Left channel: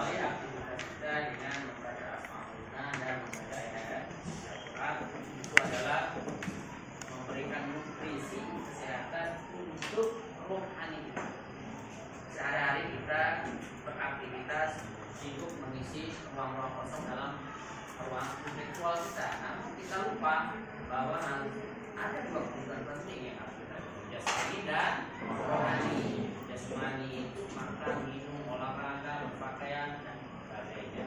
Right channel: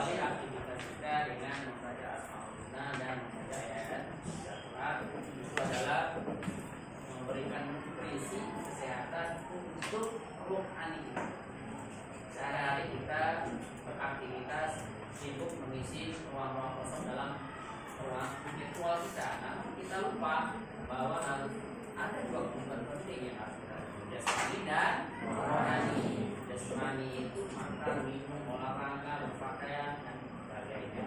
awali aktivitas kita dengan membaca Al-Quran dan membaca ayat Al-Quran. Itu adalah memberikan nutrisi kesehatan untuk rohani kita. Sehari-hari kita beraktivitas sibuk mengisi ruang-ruang kosong dalam ruang virtual kita. Namun kita lupa bahwa harus ada dua kebutuhan penting yang harus kita penuhi, jasmani dan rohani. Jasmani itu makan, minum, olahraga, berpakaian dan sebagainya.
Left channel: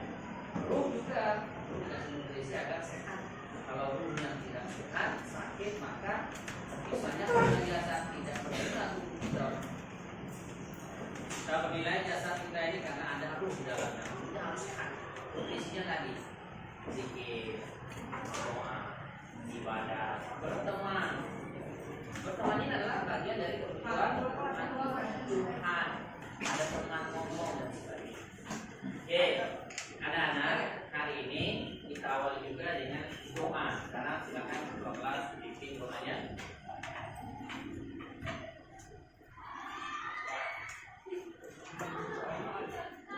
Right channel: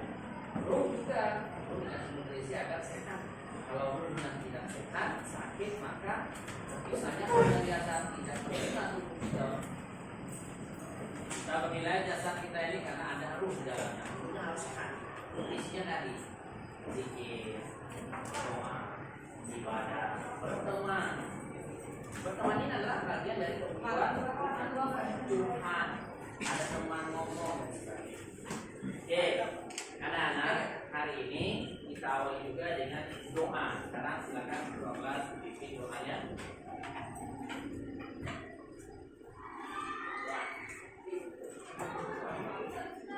Ruh juga perlu dikasih nutrisi agar sehat. Kalau ruhnya tidak sehat, sakit, maka misalnya jasad tidak sempurna tubuh kita. Kita menilai jasad kita ini karena ada ruh di dalamnya. Ruhnya harus sehat. Nutrisinya tadi zikir, doa, ibadah, berteman. Berteman ini adalah bagian dari kebutuhan Tuhan. Ada teman ngomong dan sebagainya. Oke, anak-anak, hari ini kita awali juga dengan doa. Sekarang silakan kelas bikin doanya.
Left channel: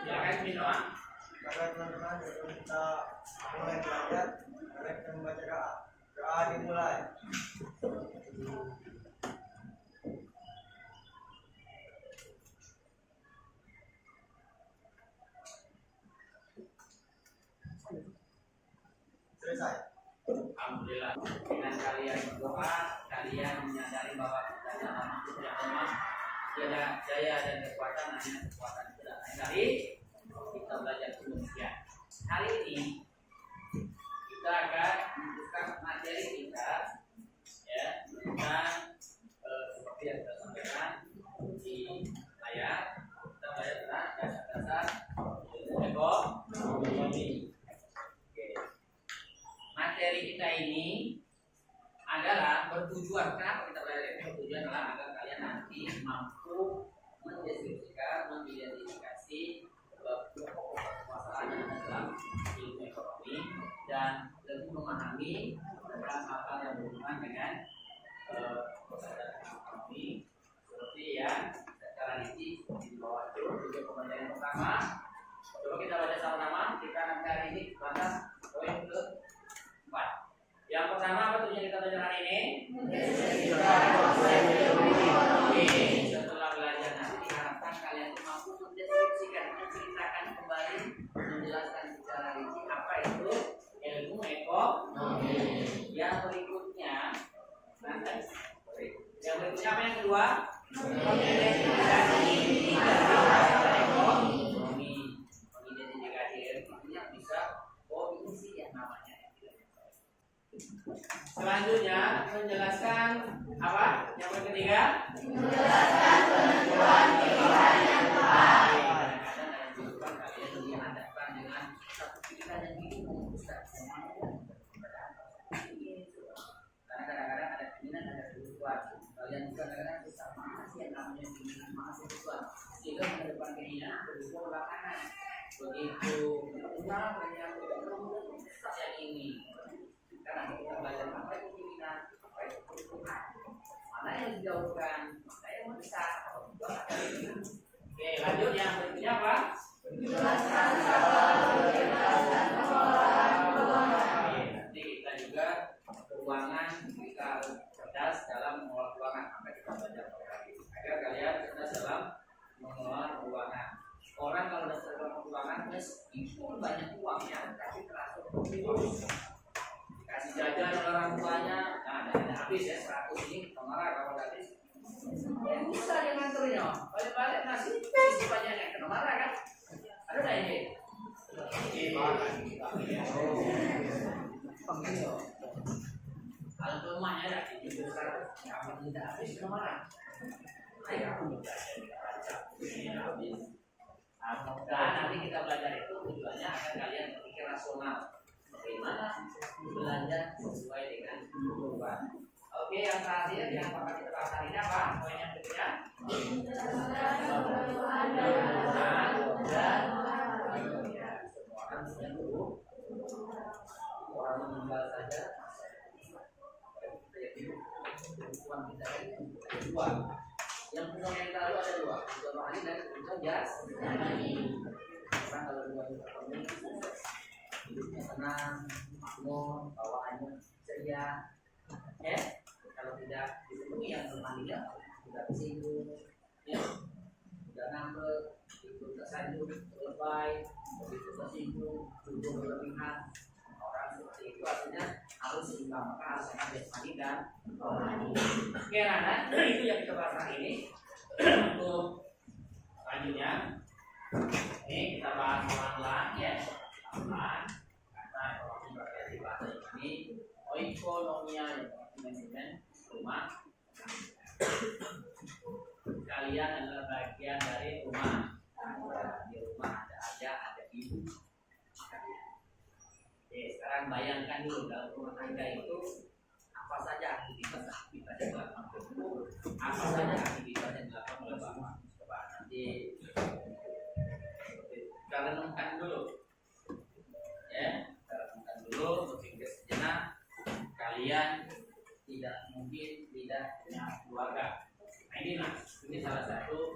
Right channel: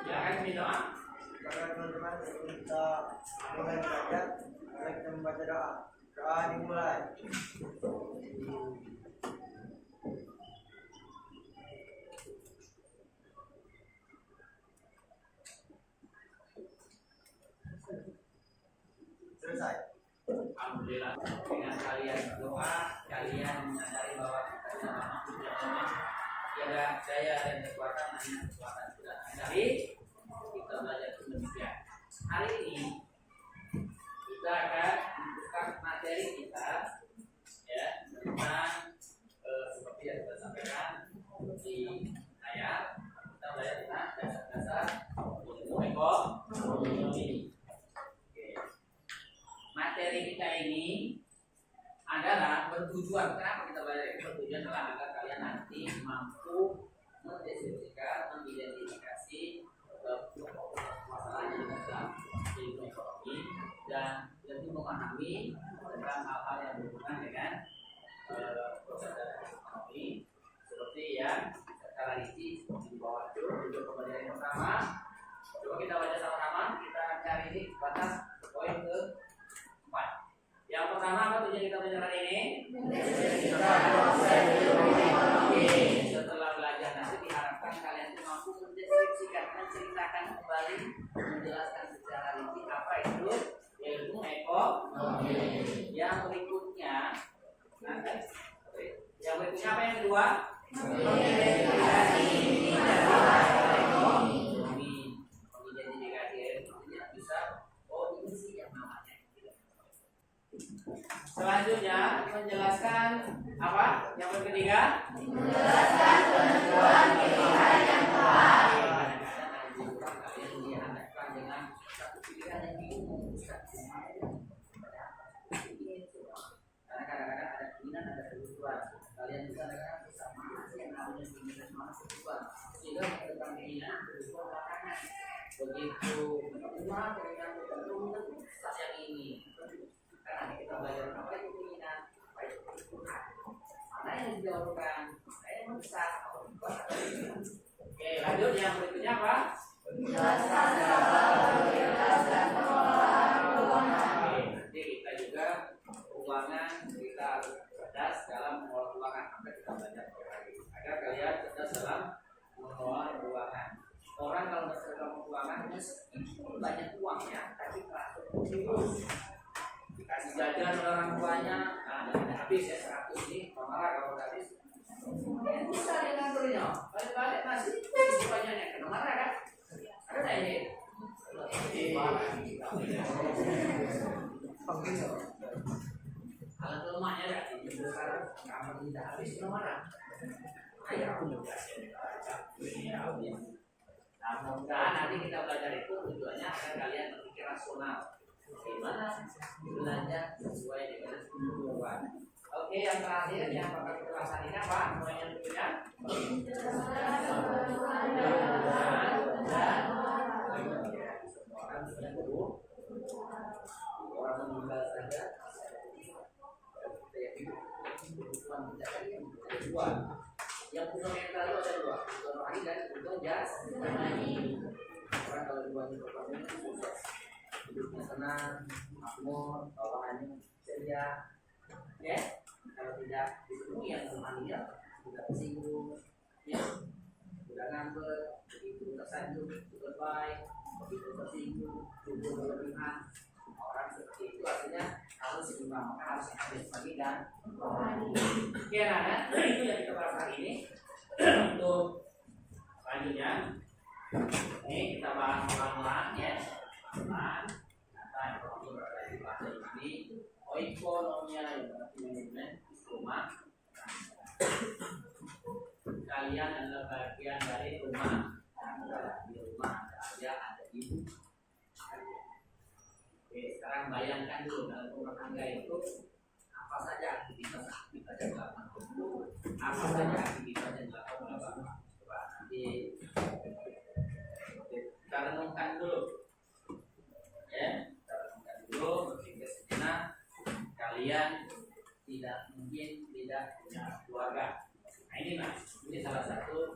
Silakan bikin doa. Sekarang teman-teman kita mulai belajar. Mari kita membaca doa. Doa dimulai. Selesai. Alhamdulillah, dengan kalian berdoa, kalian menyadari bahwa kita adalah makhluk yang lemah, tiada daya dan kekuatan, hanya kekuatan tidak dari kita belajar demikian. Hari ini kita akan membuka materi kita, ya, tentang seperti yang kita sampaikan di layar. Kita belajar tentang dasar-dasar ilmu ekonomi. Materi kita ini adalah bertujuan. Kenapa kita belajar ini? Bertujuan adalah agar kalian nanti mampu mendeskripsikan, mengidentifikasi masalah yang ada dalam ilmu ekonomi dan lebih memahami tentang hal-hal yang berhubungan dengan proses ekonomi seperti yang secara rinci di bawah itu. Juga pembelajaran yang pertama, coba kita baca sama-sama. Kita akan cari ini batas poin ke 4. Yang pertama, apa tujuan kita belajar hari ini? Setelah belajar nanti diharapkan kalian itu mampu mendeskripsikan, menceritakan kembali, menjelaskan secara rinci apa itu ilmu ekonomi. Yang berikutnya, apa yang kedua? Mengidentifikasi ekonomi. Mengidentifikasi ekonominya bisa ini sih yang namanya. Selanjutnya menjelaskan apa? Yang ketiga, menjelaskan penentuan pilihan yang tepat. Kadang-kadang ada juga kalian dihadapkan dengan satu pilihan yang bingung memutuskan. Karena kadang-kadang ada keinginan, ada kebutuhan. Kalian juga kadang-kadang bersama sih yang namanya keinginan sama kebutuhan. Sehingga menghadapkan keinginan kebutuhan belakangan. Begitu keinginan yang ini. Karena kita belajar apa itu keinginan, apa itu kebutuhan, mana yang dijauhkan, mana yang besar, atau buat apa ini. Oke, lanjut yang berikutnya apa? Menjelaskan Oke, nanti kita juga keuangan, kita harus cerdas dalam mengelola keuangan. Maka kita belajar hari agar kalian cerdas dalam mengelola keuangan. Orang kalau sudah cerdas dalam keuangan, meskipun banyak uangnya, tapi teratur kasih jajan orang tuanya, nah ada habis ya 100 ini, marah kalau habis. Ya bisa dia nganternya, balik-balik nasi, isi banyaknya, kena marah kan? Ada tak ini? Alat lemahnya dah, ini besar, kamu tidak habis kena marah. Ayo aku belajar tidak baca, ini habis. Nah, mudah nanti kita belajar itu tujuannya agar kalian berpikir rasional. Bagaimana belanja sesuai dengan kebutuhan. Oke, yang terakhir yang bakal kita bahas hari ini apa? Poin yang berikutnya. Dan semua orang punya dulu. Orang meninggal saja. Kita yakin kebutuhan kita ada dua. Yang punya yang terlalu ada dua. Kebutuhan rohani dan kebutuhan jasmani. Orang kalau ekonomi sukses, hidupnya senang, makmur, bawaannya ceria. Kalau tidak dipenuhi yang semuanya sudah tersinggung, sudah ngambek, begitu tersanjung, lebay, begitu tersinggung, tubuh berlebihan. Orang seperti itu artinya harus seimbang, maka harus ada jasmani dan rohani. Oke, anak, itu yang kita bahas hari ini. Untuk selanjutnya, ini kita bahas pelan-pelan ya, pelan-pelan. Kata ekonomi berarti bahasa ini, oikonomia yang berarti manajemen rumah. Kalian adalah bagian dari rumah. Di rumah ada ayah, ada ibu. Oke, sekarang bayangkan dulu dalam rumah tangga itu apa saja aktivitas yang dilakukan ibu, apa saja aktivitas yang dilakukan oleh bapak. Coba nanti kita renungkan dulu, ya, kita renungkan dulu, berpikir sejenak. Kalian tidak mungkin tidak punya keluarga. Nah ini salah satu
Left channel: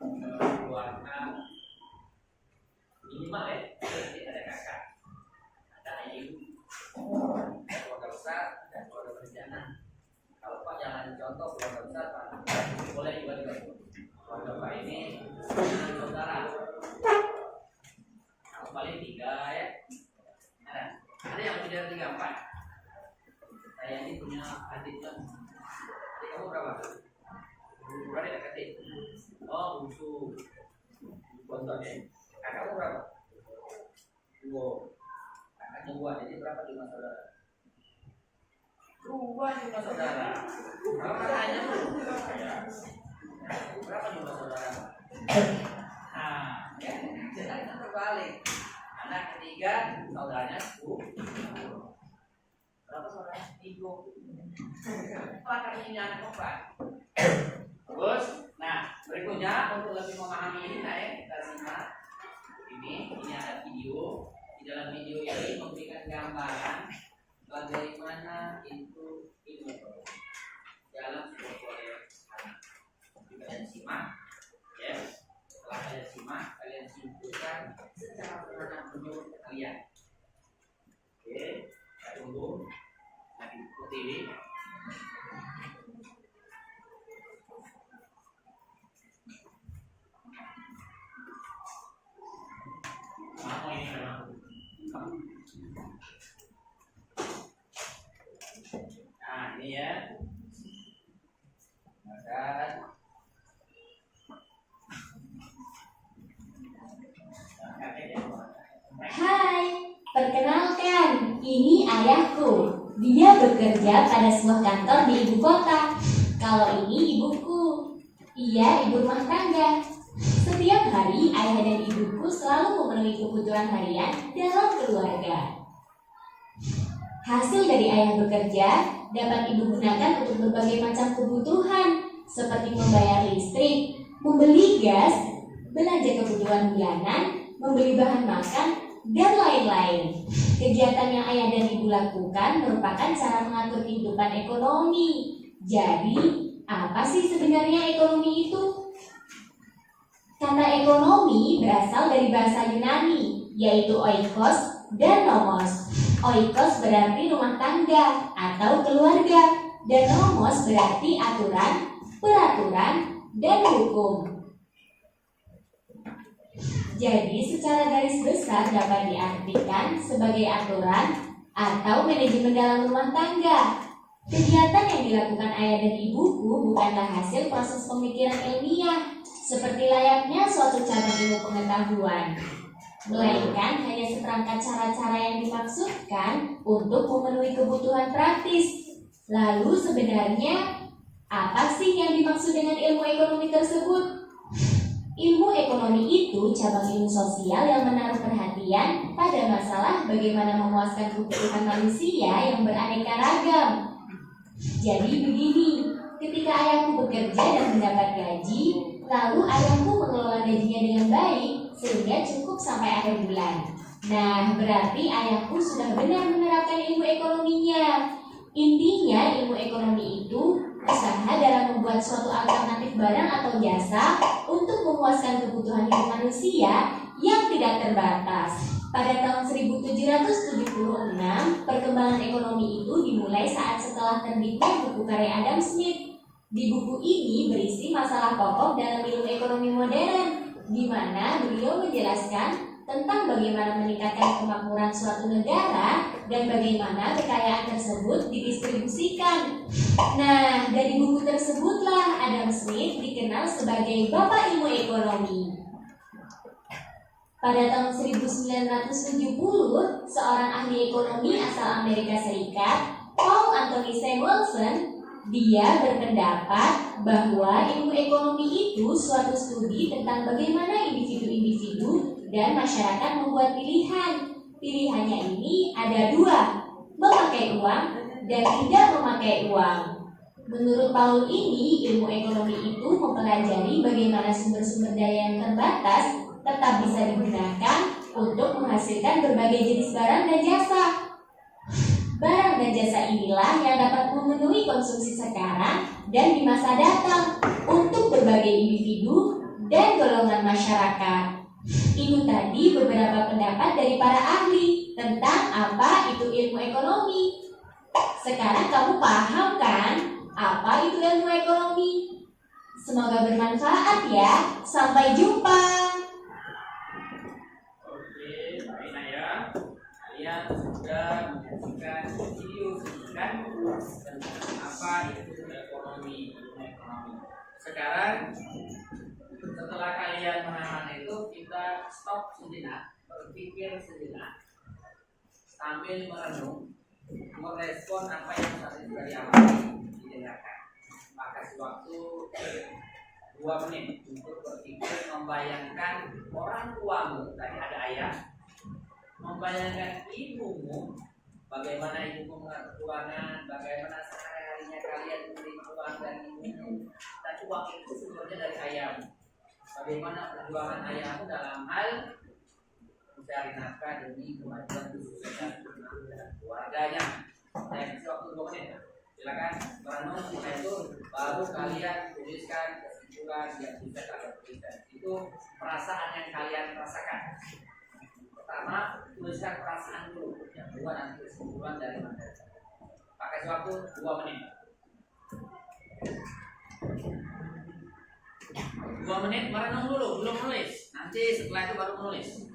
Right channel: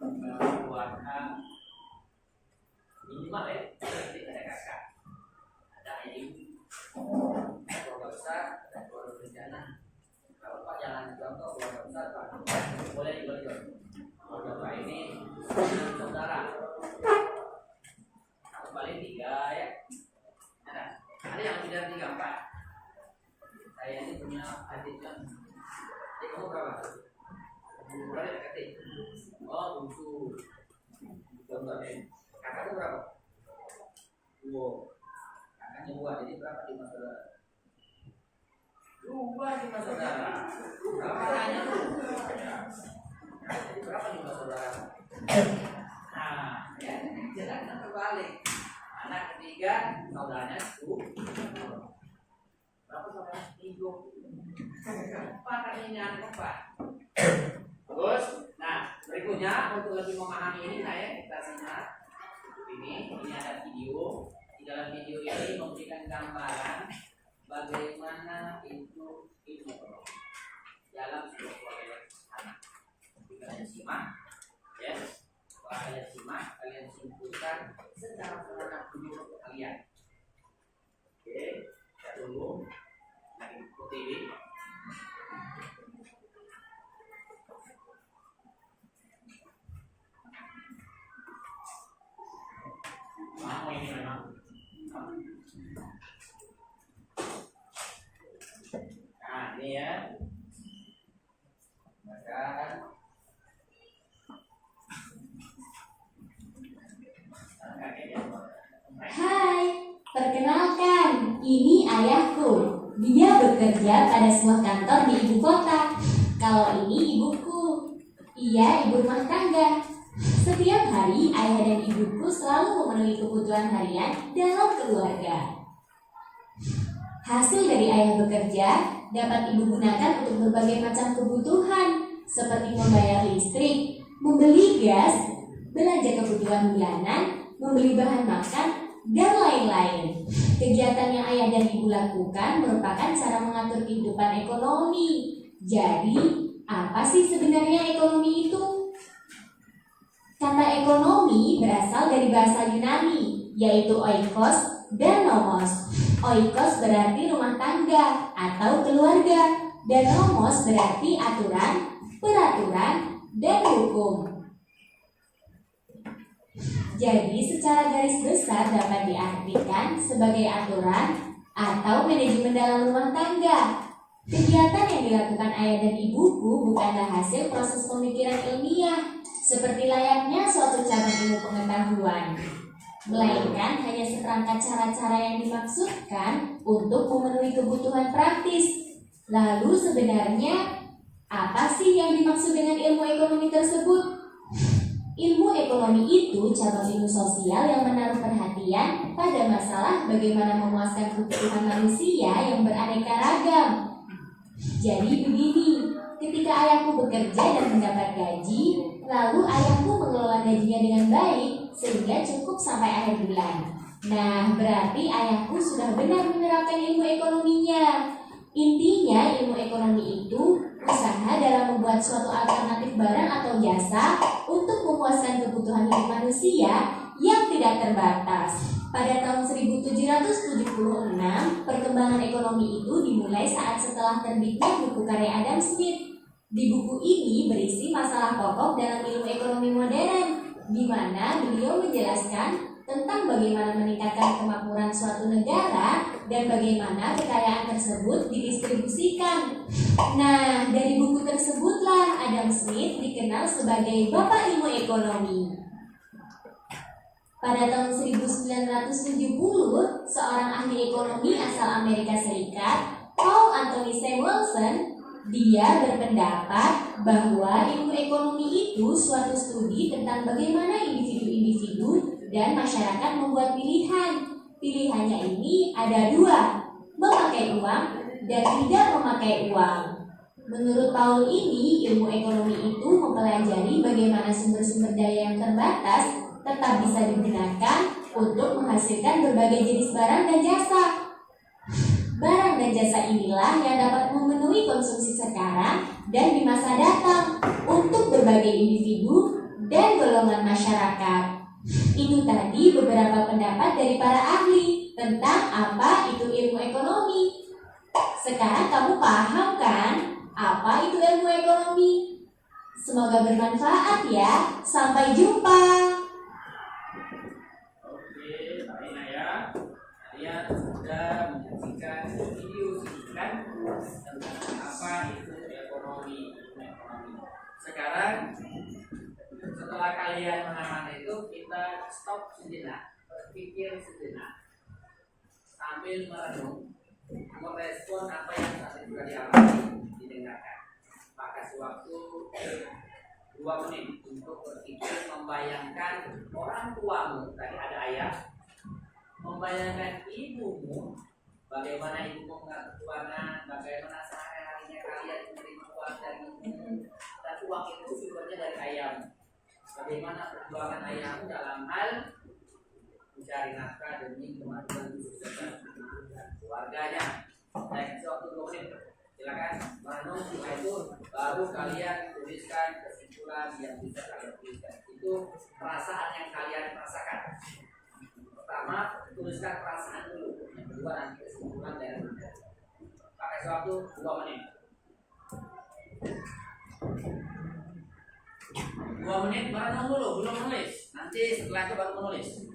keluarga minimal ya. Jadi ada kakak, ada ibu, ada keluarga besar, ada keluarga berencana. Kalau Pak jangan contoh keluarga besar Pak, boleh juga keluarga Pak ini 9 saudara. Kalau paling 3 ya. Ada yang lebih dari 3, 4. Saya ini punya adik kan. Adik kamu berapa? Berapa adik? Oh, bungsu. Contohnya, kakak itu berapa? 2. Kakaknya 2, jadi berapa jumlah saudara? 2 jumlah saudara. Kalau kakaknya tuh berapa jumlah saudara? Nah, ya, jadi kita terbalik. Anak ketiga, saudaranya 10. Berapa saudara? 3. Kakaknya ini anak keempat. Terus, nah berikutnya untuk lebih memahami ini, kita simak ini ada video. Di dalam video ini memberikan gambaran bagaimana itu ilmu ekonomi dalam sebuah proyek anak. Kalian simak, ya. Setelah kalian simak, kalian simpulkan secara sederhana menurut kalian. Oke, kita tunggu. Lagi ikuti ini. Nah ini ya, makan. Hai, perkenalkan, ini ayahku. Dia bekerja pada sebuah kantor di ibu kota. Kalau ini ibuku, ia ibu rumah tangga. Setiap hari ayah dan ibuku selalu memenuhi kebutuhan harian dalam keluarga. Hasil dari ayah bekerja dapat ibu gunakan untuk berbagai macam kebutuhan seperti membayar listrik, membeli gas, belanja kebutuhan bulanan, membeli bahan makan, dan lain-lain. Kegiatan yang ayah dan ibu lakukan merupakan cara mengatur kehidupan ekonomi. Jadi, apa sih sebenarnya ekonomi itu? Kata ekonomi berasal dari bahasa Yunani, yaitu oikos dan nomos. Oikos berarti rumah tangga atau keluarga, dan nomos berarti aturan, peraturan, dan hukum. Jadi secara garis besar dapat diartikan sebagai aturan atau manajemen dalam rumah tangga. Kegiatan yang dilakukan ayah dan ibuku bukanlah hasil proses pemikiran ilmiah seperti layaknya suatu cabang ilmu pengetahuan, melainkan hanya seperangkat cara-cara yang dimaksudkan untuk memenuhi kebutuhan praktis. Lalu sebenarnya apa sih yang dimaksud dengan ilmu ekonomi tersebut? Ilmu ekonomi itu cabang ilmu sosial yang menaruh perhatian pada masalah bagaimana memuaskan kebutuhan manusia yang beraneka ragam. Jadi begini, ketika ayahku bekerja dan mendapat gaji, lalu ayahku mengelola gajinya dengan baik sehingga cukup sampai akhir bulan. Nah, berarti ayahku sudah benar menerapkan ilmu ekonominya. Intinya ilmu ekonomi itu usaha dalam membuat suatu alternatif barang atau jasa untuk memuaskan kebutuhan hidup manusia yang tidak terbatas. Pada tahun 1776, perkembangan ekonomi itu dimulai saat setelah terbitnya buku karya Adam Smith. Di buku ini berisi masalah pokok dalam ilmu ekonomi modern, di mana beliau menjelaskan tentang bagaimana meningkatkan kemakmuran suatu negara dan bagaimana kekayaan tersebut didistribusikan. Nah, dari buku tersebutlah Adam Smith dikenal sebagai Bapak Ilmu Ekonomi. Pada tahun 1970, seorang ahli ekonomi asal Amerika Serikat, Paul Anthony Samuelson, dia berpendapat bahwa ilmu ekonomi itu suatu studi tentang bagaimana individu-individu dan masyarakat membuat pilihan. Pilihannya ini ada dua, memakai uang dan tidak memakai uang. Menurut Paul ini, ilmu ekonomi itu mempelajari bagaimana sumber-sumber daya yang terbatas tetap bisa digunakan untuk menghasilkan berbagai jenis barang dan jasa. Barang dan jasa inilah yang dapat memenuhi konsumsi sekarang dan di masa datang untuk berbagai individu dan golongan masyarakat. Ini tadi beberapa pendapat dari para ahli tentang apa itu ilmu ekonomi. Sekarang kamu paham kan apa itu ilmu ekonomi? Semoga bermanfaat ya. Sampai jumpa. Oke, baik ya. Kalian sudah menyaksikan video singkat tentang apa itu ekonomi. Sekarang setelah kalian mengamati itu, kita stop sejenak, berpikir sejenak, sambil merenung, merespon apa yang saat itu dialami, didengarkan. Kasih waktu 2 menit untuk berpikir, membayangkan orang tuamu, tadi ada ayah, membayangkan ibumu, bagaimana ibumu mengatur keuangan, bagaimana sehari-harinya kalian menerima uang dari ibumu, dan uang itu sumbernya dari ayahmu. Bagaimana perjuangan ayahmu dalam hal mencari nafkah demi kemajuan kesuksesan anak dan keluarganya. Saya kasih waktu 2 menit. Silakan merenung, setelah itu baru kalian tuliskan kesimpulan yang bisa kalian tuliskan. Itu perasaan yang kalian rasakan. Pertama, tuliskan perasaan dulu. Yang kedua nanti kesimpulan dari materi. Pakai waktu 2 menit. 2 menit merenung dulu, belum menulis. Nanti setelah itu baru menulis.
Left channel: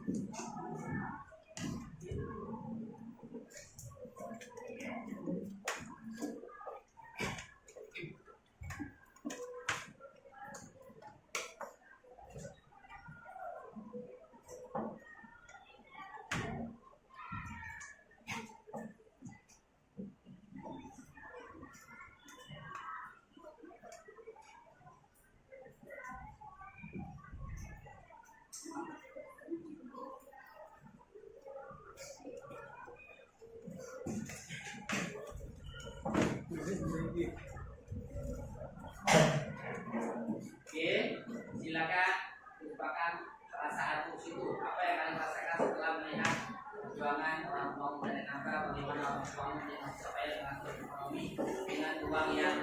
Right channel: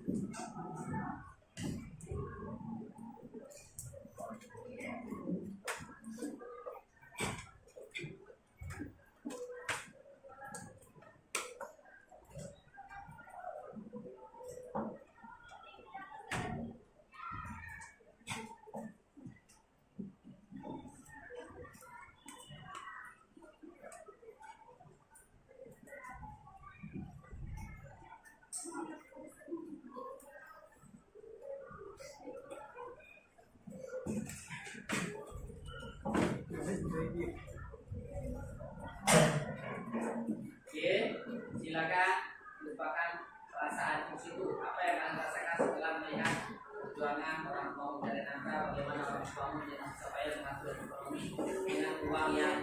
Oke, silakan lupakan perasaan itu. Apa yang kalian rasakan setelah melihat perjuangan orang tua mencari nafkah, bagaimana orang tua supaya mengatur ekonomi dengan uang yang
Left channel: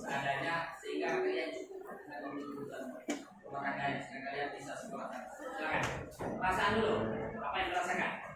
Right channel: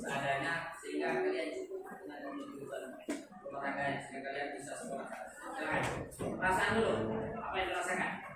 seadanya sehingga kalian cukup dengan kebutuhan rumah tangga sehingga kalian bisa sekolah. Silakan. Perasaan dulu, apa yang dirasakan?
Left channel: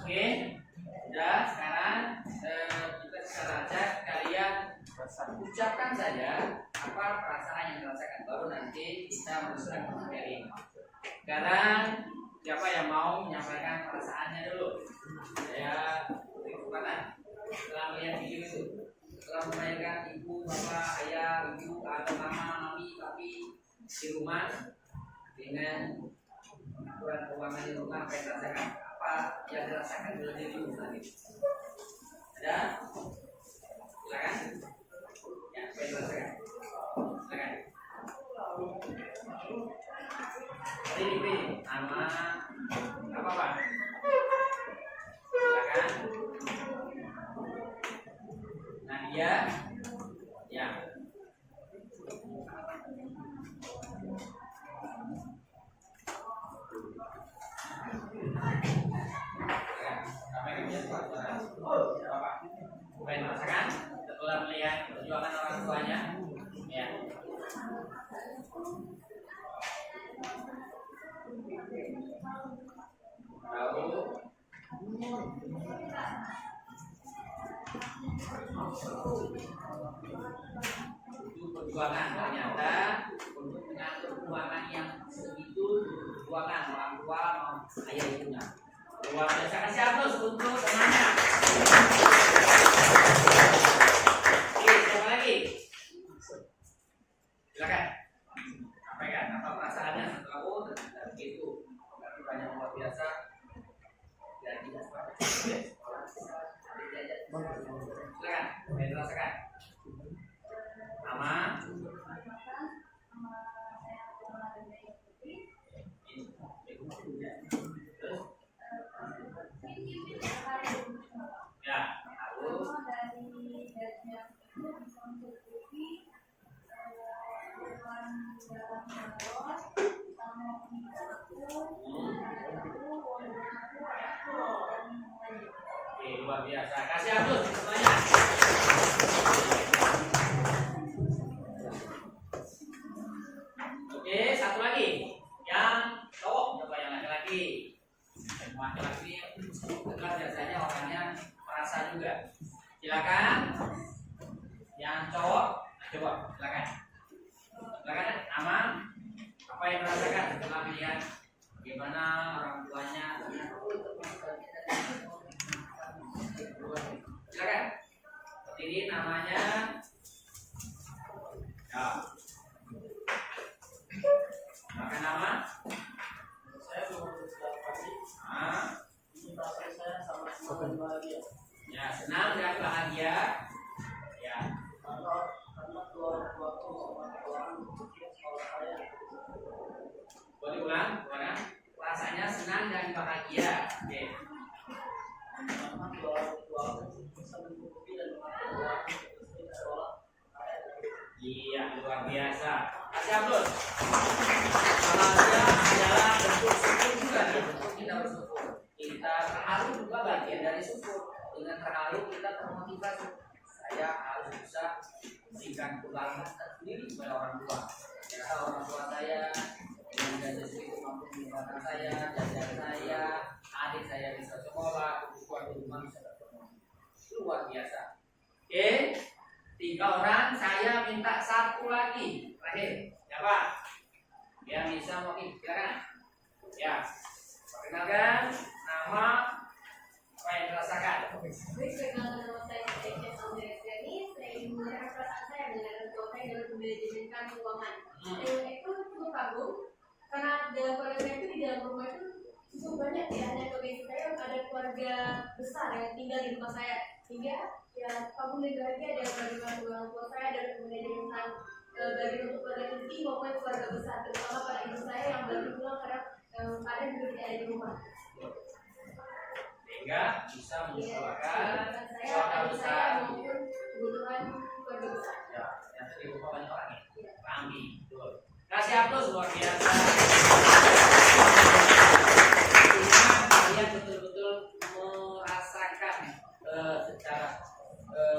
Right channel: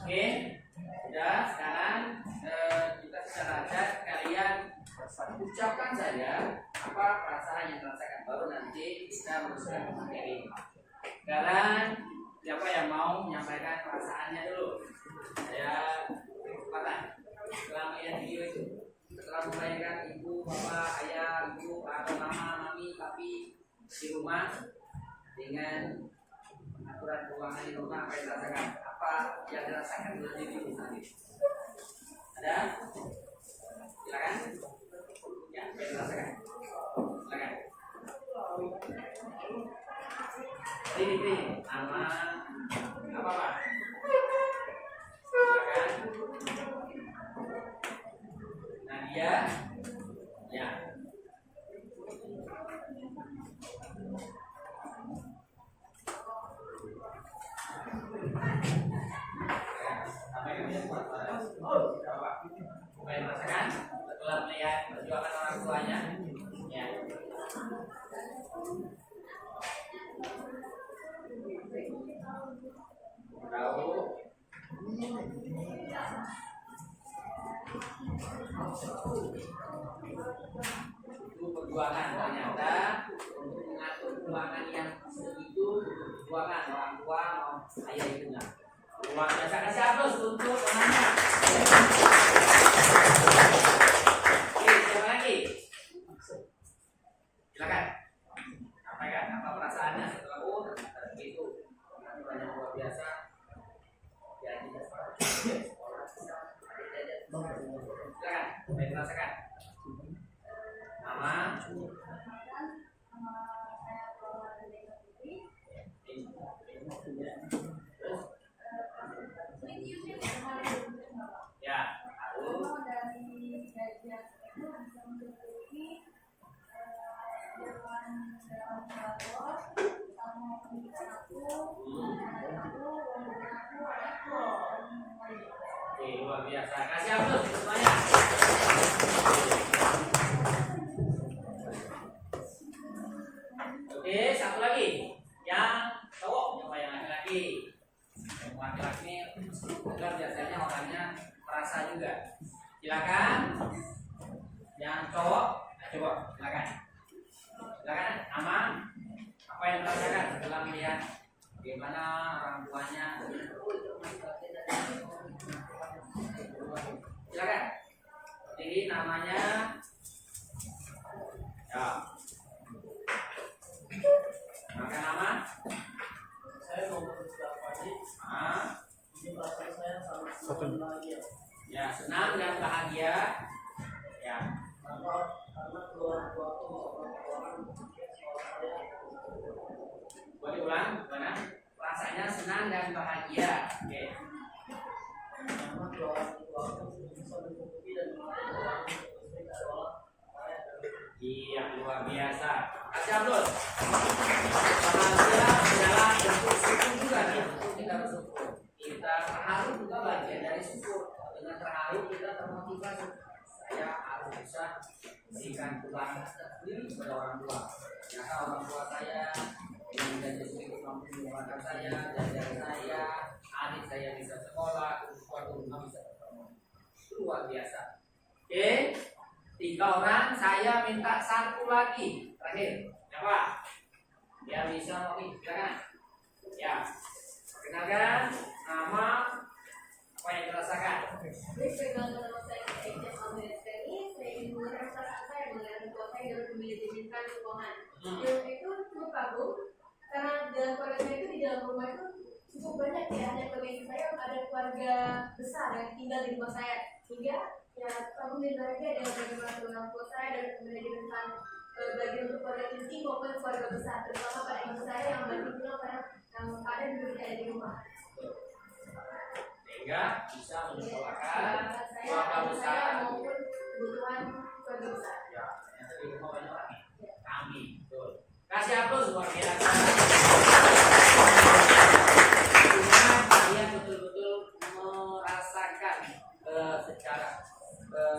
Oke, sudah. Sekarang kita secara acak kalian ucapkan saja apa perasaan yang dirasakan, baru nanti kita meneruskan ke materi. Sekarang siapa yang mau menyampaikan perasaannya dulu? Saya beri kesempatan. Setelah melihat video itu, setelah membayangkan ibu, bapak, ayah, ibu, atau mama, mami, papi di rumah dengan aturan keuangan di rumah apa yang dirasakan? Apa yang dirasakan oleh dirimu saat ini? Ada? Silakan. Ya, apa yang dirasakan? Silakan. Ini nama apa Pak? Silakan. Nadia. Ya. Apa yang merasakan setelah melihat perjuangan orang tuanya? Ya. Tahu? Itu perjuangan ternyata untuk mengatur keuangan yang segitu perjuangan orang tua mau ayah ibunya. Luar biasa. Kasih aplaus untuk temannya. Oke, siapa lagi? Silakan. Sampaikan apa perasaannya setelah ternyata begitu. Tapi banyak luar biasa. Ya tidak seperti sekolah bisa ada jajan. Silakan. Saya merasakan. Nama. Ya, harus. Oke, luar biasa. Kasih aplaus semuanya. Oke, satu lagi. Yang cowok, coba yang laki-laki. Yang laki-laki ini kan biasanya orangnya merasa juga. Silakan. Yang cowok, coba silakan. Silakan, nama apa yang merasakan setelah melihat bagaimana orang tuanya? Silakan. Jadi namanya ya. Maka nama Saya mau berbicara pagi. Ini perasaan saya sangat senang bahagia. Ya, senang dan bahagia. Ya. Karena keluarga aku bisa bantu sekolah saya. Boleh ulang, mana? Rasanya senang dan bahagia. Oke. Karena keluarga aku bisa mencukupi dan mengatur sekolah saya. Iya, luar biasa. Kasih aplaus. Bahagia adalah bentuk syukur juga nih. Kita bersyukur. Kita terharu juga bagian dari syukur. Dengan terharu kita termotivasi. Saya harus bisa berikan kebanggaan tersendiri kepada orang tua. Ternyata orang tua saya yang jajan sedikit mampu menggunakan saya, jajan saya, adik saya bisa sekolah, keluarga rumah bisa bertemu. Luar biasa. Oke, 3 orang. Saya minta 1 lagi terakhir. Siapa? Yang bisa mungkin silakan. Ya, perkenalkan nama apa yang dirasakan. Perkenalkan nama saya Aisyah Albertini. Saya ingin mengenai perasaan saya mengenai tua saya dalam memanajemenkan keuangan. Dan itu cukup kagum karena dalam keluarga saya itu di dalam rumah itu cukup banyak ya. Ada keluarga saya, ada keluarga besar yang tinggal di rumah saya. Sehingga ya kagum dan bahagia ada bagaimana orang tua saya dalam memanajemenkan bagian untuk keluarga inti maupun keluarga besar, terutama pada ibu saya yang baru pulang karena yang ada juga tidak ada di rumah. Sehingga bisa menyekolahkan Saya, keluarga adik besar. saya maupun kebutuhan keluarga besar. Ya, yang di rumah banyak orang ya. Kami, betul. Kasih aplaus luar biasa. Artinya kalian betul-betul merasakan secara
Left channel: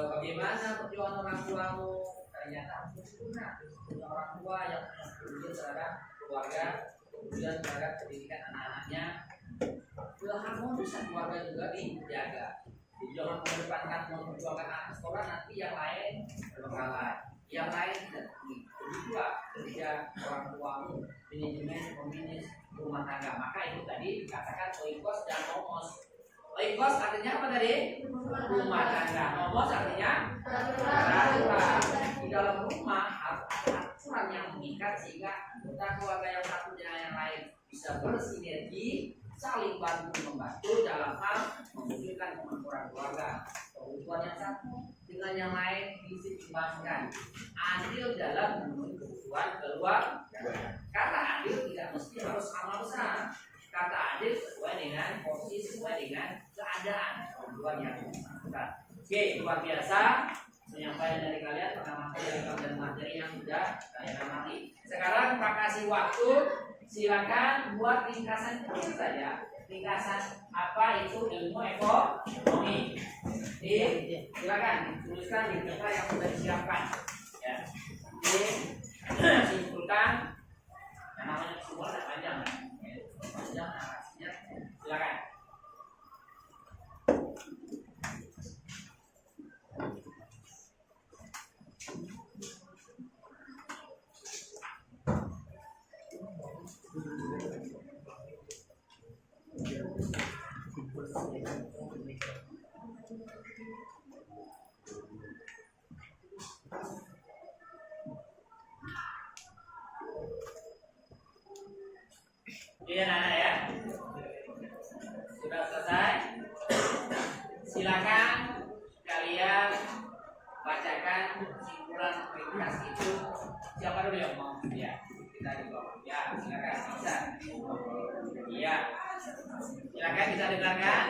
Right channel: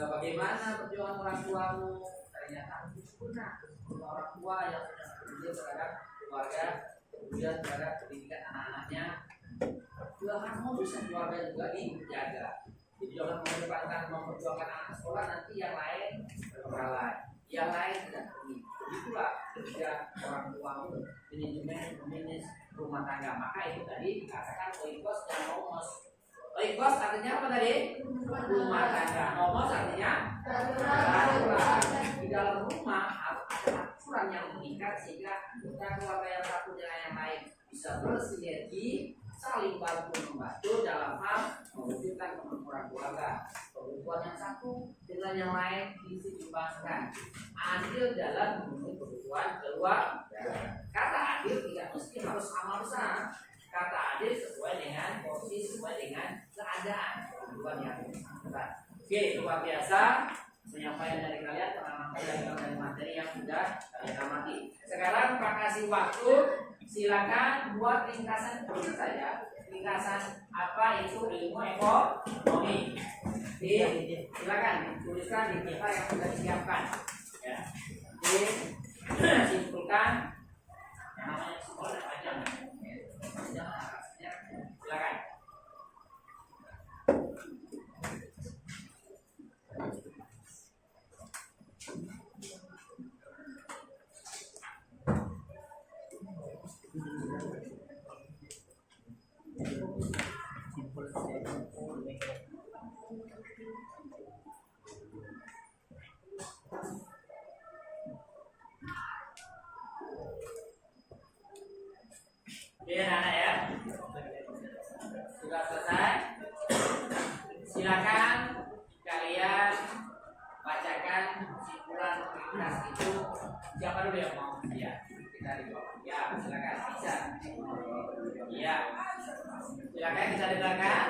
bagaimana perjuangan orang tuamu. Ternyata sempurna. Orang tua yang punya peduli terhadap keluarga, kemudian terhadap pendidikan anak-anaknya. Keharmonisan keluarga juga dijaga. Jadi jangan mengedepankan memperjuangkan anak sekolah, nanti yang lain bermasalah, yang lain tidak peduli. Begitulah ketika orang tuamu manajemen memanage rumah tangga. Maka itu tadi dikatakan oikos dan nomos. Oikos artinya apa tadi? Rumah tangga. Nomos artinya peraturan. Di dalam rumah harus ada aturan yang mengikat sehingga kita keluarga yang satu dengan yang lain bisa bersinergi, saling bantu membantu dalam hal mewujudkan kemakmuran keluarga. Kebutuhan yang satu dengan yang lain diseimbangkan, adil dalam memenuhi kebutuhan keluarga. Kata adil tidak mesti harus sama besar. Kata adil sesuai dengan posisi, sesuai dengan keadaan kebutuhan yang bersangkutan. Oke, luar biasa penyampaian dari kalian, pengalaman kalian dari materi yang sudah kalian amati. Sekarang Pak kasih waktu, silakan buat ringkasan kecil saja. Ringkasan apa itu ilmu ekonomi. Silakan tuliskan di kertas yang sudah disiapkan. Ya. Simpulkan. Yang namanya kesimpulan panjang. Panjang narasinya. Silakan. Ini anak-anak ya, sudah selesai. Silakan kalian bacakan kesimpulan ringkas itu. Siapa dulu yang mau? Ya, kita di bawah. Ya, silakan bisa. Iya, silakan kita dengarkan.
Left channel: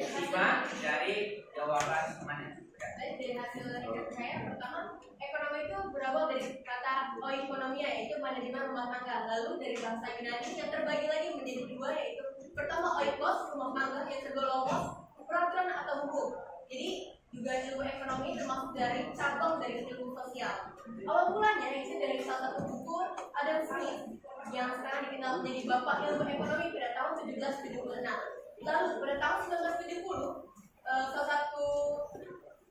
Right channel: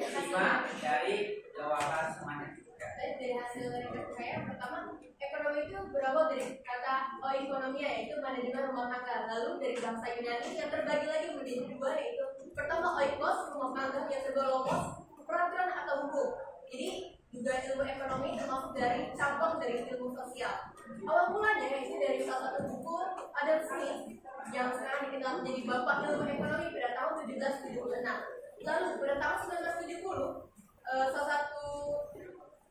Simak dari jawaban semuanya. Dari hasil riset saya, pertama ekonomi itu berawal dari kata oikonomia, yaitu manajemen rumah tangga. Lalu dari bahasa Yunani yang terbagi lagi menjadi dua, yaitu pertama oikos, rumah tangga, yang kedua logos, peraturan atau hukum. Jadi juga ilmu ekonomi termasuk dari cabang dari ilmu sosial. Awal mulanya itu dari salah satu buku Adam Smith yang sekarang dikenal menjadi bapak ilmu ekonomi pada tahun 1776. Lalu pada tahun 1970 salah satu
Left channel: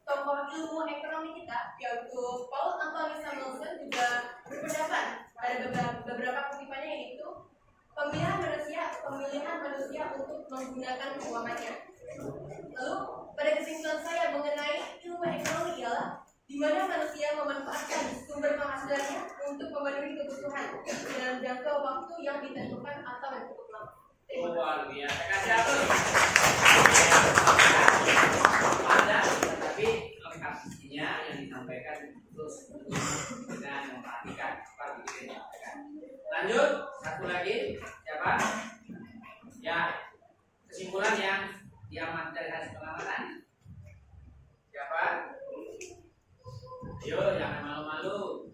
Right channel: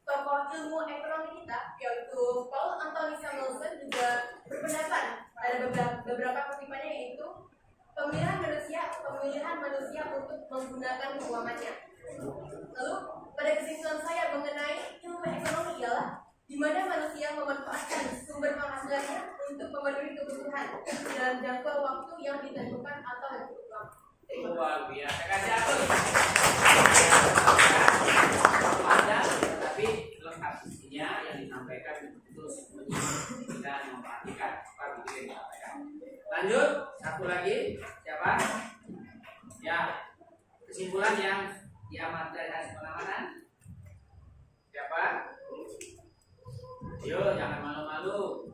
tokoh ilmu ekonomi kita yaitu Paul Anthony Samuelson juga berpendapat ada beberapa kutipannya, yaitu pemilihan manusia untuk menggunakan keuangannya. Lalu pada kesimpulan saya mengenai ilmu ekonomi ialah di mana manusia memanfaatkan sumber penghasilannya untuk memenuhi kebutuhan dalam jangka waktu yang ditentukan atau yang cukup lama. Luar biasa. Kasih apa nih? Ada, tapi lengkap isinya yang disampaikan terus dan memperhatikan apa yang disampaikan. Lanjut, satu lagi, siapa? Ya, kesimpulan yang diamati dari hasil pengamatan. Siapa? Yuk, jangan malu-malu.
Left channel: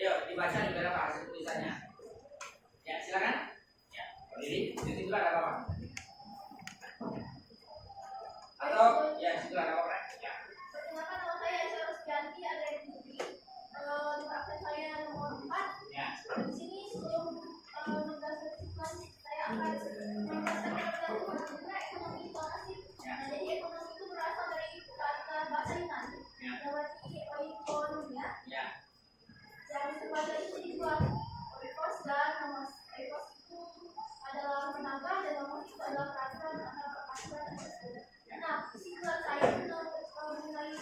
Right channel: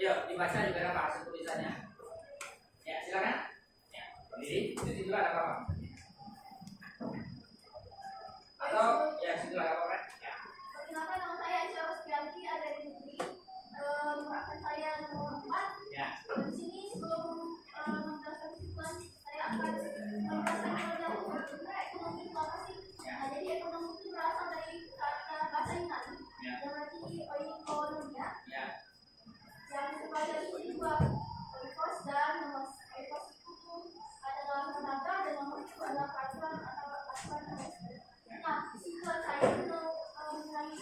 Yuk, dibaca di berapa hasil tulisannya. Ya, silakan. Ya, berdiri. Di situ ada apa-apa. Atau ya, situ ada apa-apa. Ya. Perkenalkan, nama saya Aisyah Rusdianti, ada di Putri. Nomor absen saya nomor 4. Ya. Di sini sebelum menjelaskan kesimpulan, saya akan menjelaskan tentang ekonomi. Terima kasih. Nah, jadi ekonomi itu berasal dari kata bahasa Yunani yang berarti oikonomia. Ya. Yang terbagi jadi dua, oikos dan nomos. Oikos itu adalah tenaga dan nomos itu adalah peraturan atau peraturan. Nah, kesimpulan saya mengenai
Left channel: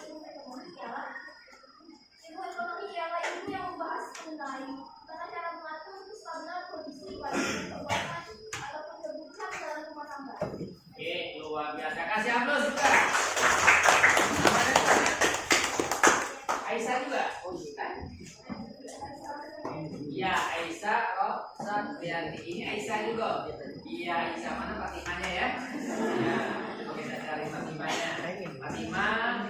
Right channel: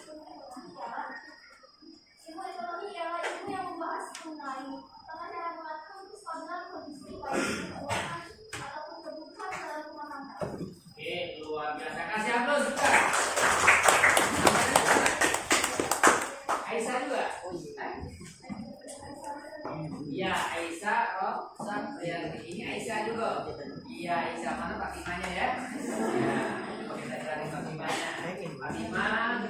ilmu ekonomi ialah ilmu yang membahas mengenai tata cara mengatur kestabilan kondisi baik keuangan ataupun kebutuhan dalam rumah tangga. Oke, luar biasa. Kasih aplaus juga. Aisyah juga. Oh iya. Iya, Aisyah. Oh, Rianti. Ini Aisyah juga. Iya, Aisyah mana Fatimanya ya? Iya. Oke, kita cari Fatimanya. Fatimah.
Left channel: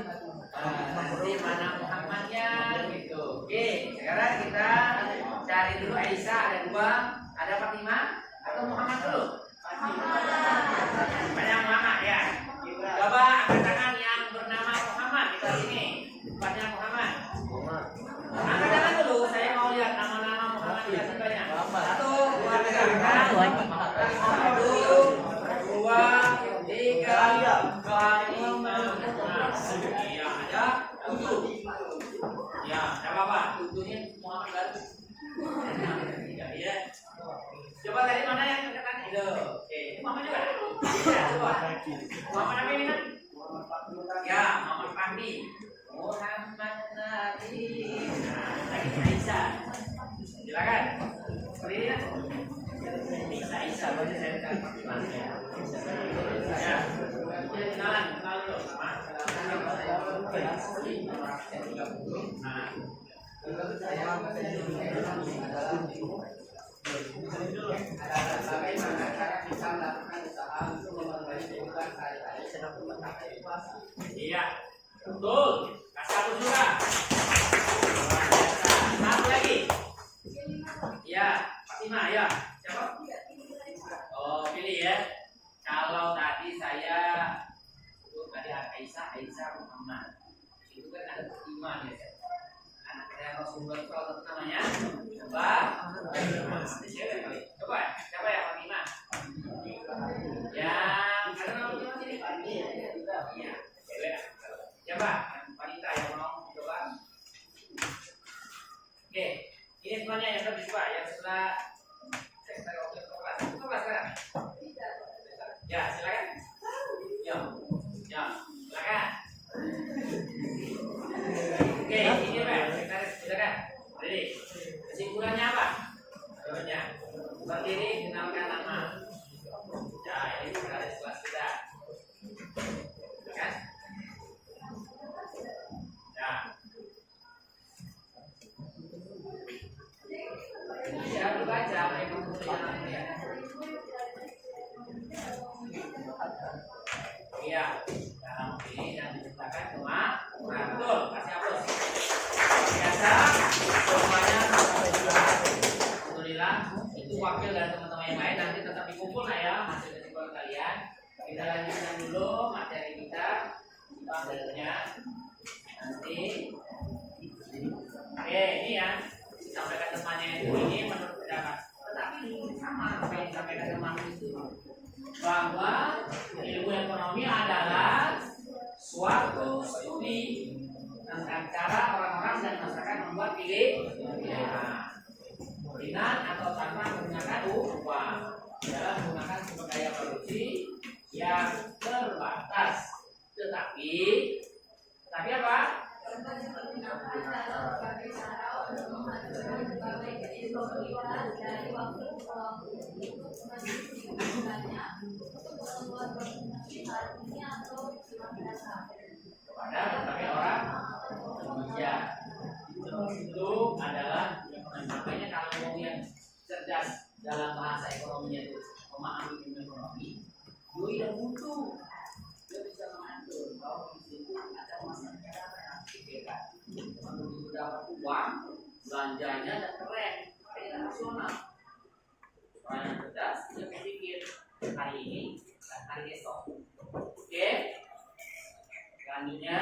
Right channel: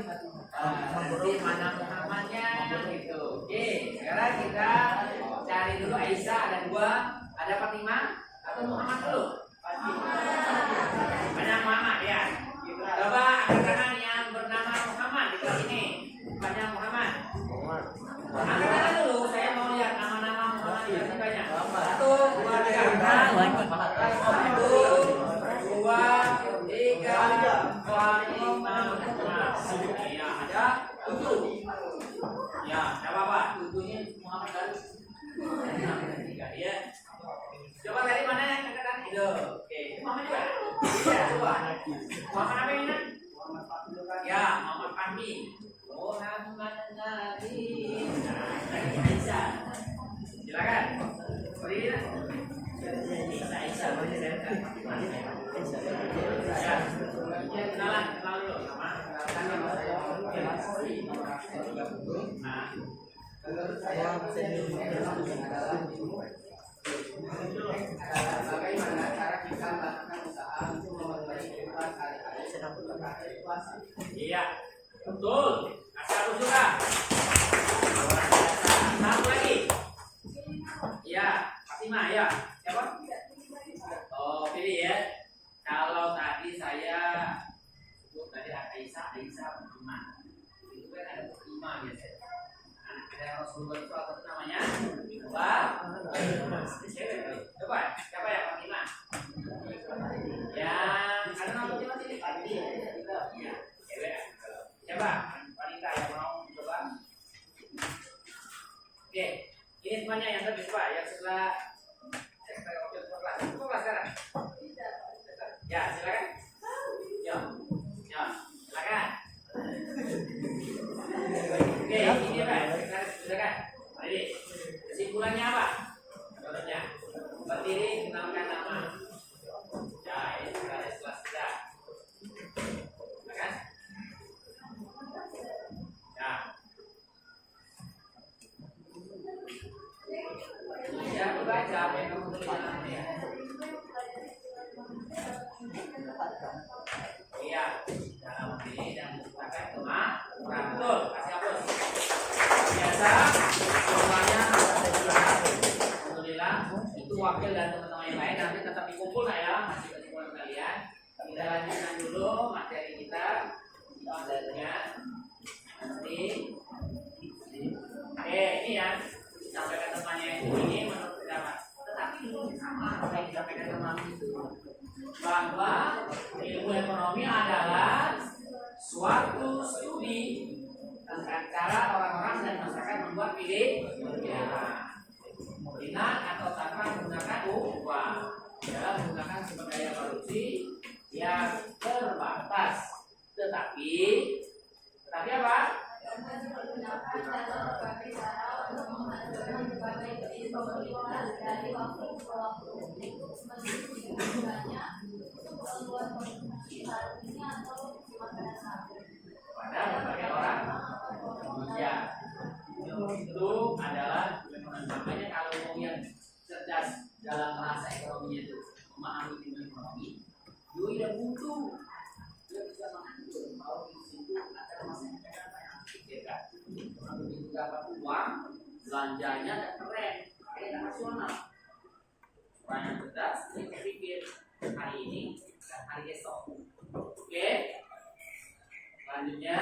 Nanti mana Muhammadnya gitu. Oke, sekarang kita cari dulu Aisyah. Ada dua. Ada Fatimah atau Muhammad dulu? Banyak Muhammad ya. Coba angkat tangan yang bernama Muhammad di sini. Tempatnya Muhammad. Angkat tangan dulu. Saya mau lihat nama-nama Muhammad yang banyak. Satu, dua, tiga. Satu, dua, tiga, empat, lima, enam. Ya ada tujuh. Ya, tidak apa-apa. Tujuhnya Muhammad baru. Tiga ya. Coba tadi mana yang angkatan itu? Oke, Muhammad juga. Ya, coba. Muhammad Nabi mana? Ya, Muhammad Fahmi. Muhammad Nabi. Nah, bisa. Silakan. Berdiri. Bisa Iya, betul. Kasih satu juga. Luar biasa. Satu lagi. Iya, Fatima ya. Siapa? Oh, pilih ya. Kalau tadi saya sebut tadi Aisyah Muhammad. Itu kan ada Fatima biasanya. Anak saya Rasulullah itu apa namanya? Coba. Coba. Siapa ya Fatima? Yang ada nama Fatima sini? Iya, cewek. Coba, wanita yang mau coba. Oke, ini semuanya yang tadi coba. Yang setelah saya oke coba sekarang. Ya, silakan. Ya, silakan. Oke, ini Pak, kita silakan. Jadi, kesimpulannya apa? Menurutnya, berdiri, kenalkan nama. Ya, ini sudah ada kelas kita. Silakan. Ya. Ya, dibaca apa yang kamu tulis namanya. Iya, cara memilih dan diciptakan kemampuan. Betul, kasih aplaus. Biasa, semuanya alhamdulillah itu wakil dan teman-teman yang lain nanti tetap dikumpul lah ya hasil kesimpulan kalian. Kita lanjutkan dulu materi kita materinya nanti. Ini ya disampaikan temannya itu ini menurut pendapat. Tetapi sama apa yang disampaikan teman itu bahwa ilmu ekonomi adalah suatu studi tentang cara orang-orang dan masyarakat membuat pilihan dengan atau tanpa menggunakan uang dalam menggunakan sumber daya produksi yang terbatas. Tetapi apa? Pada berbagai orang ya itu adalah makanya kalau mau yang cerdas dalam bahasa ekonominya itu memahami ilmu ekonomi dia tidak butuh, dia bisa mengatur bahwa di situ ada masalah apa yang harus dipikirkan. Begitu dapat uang belanjanya dan keren kayak nasional. Orang yang cerdas dia berpikir hari ini dan hari esok. Oke, selanjutnya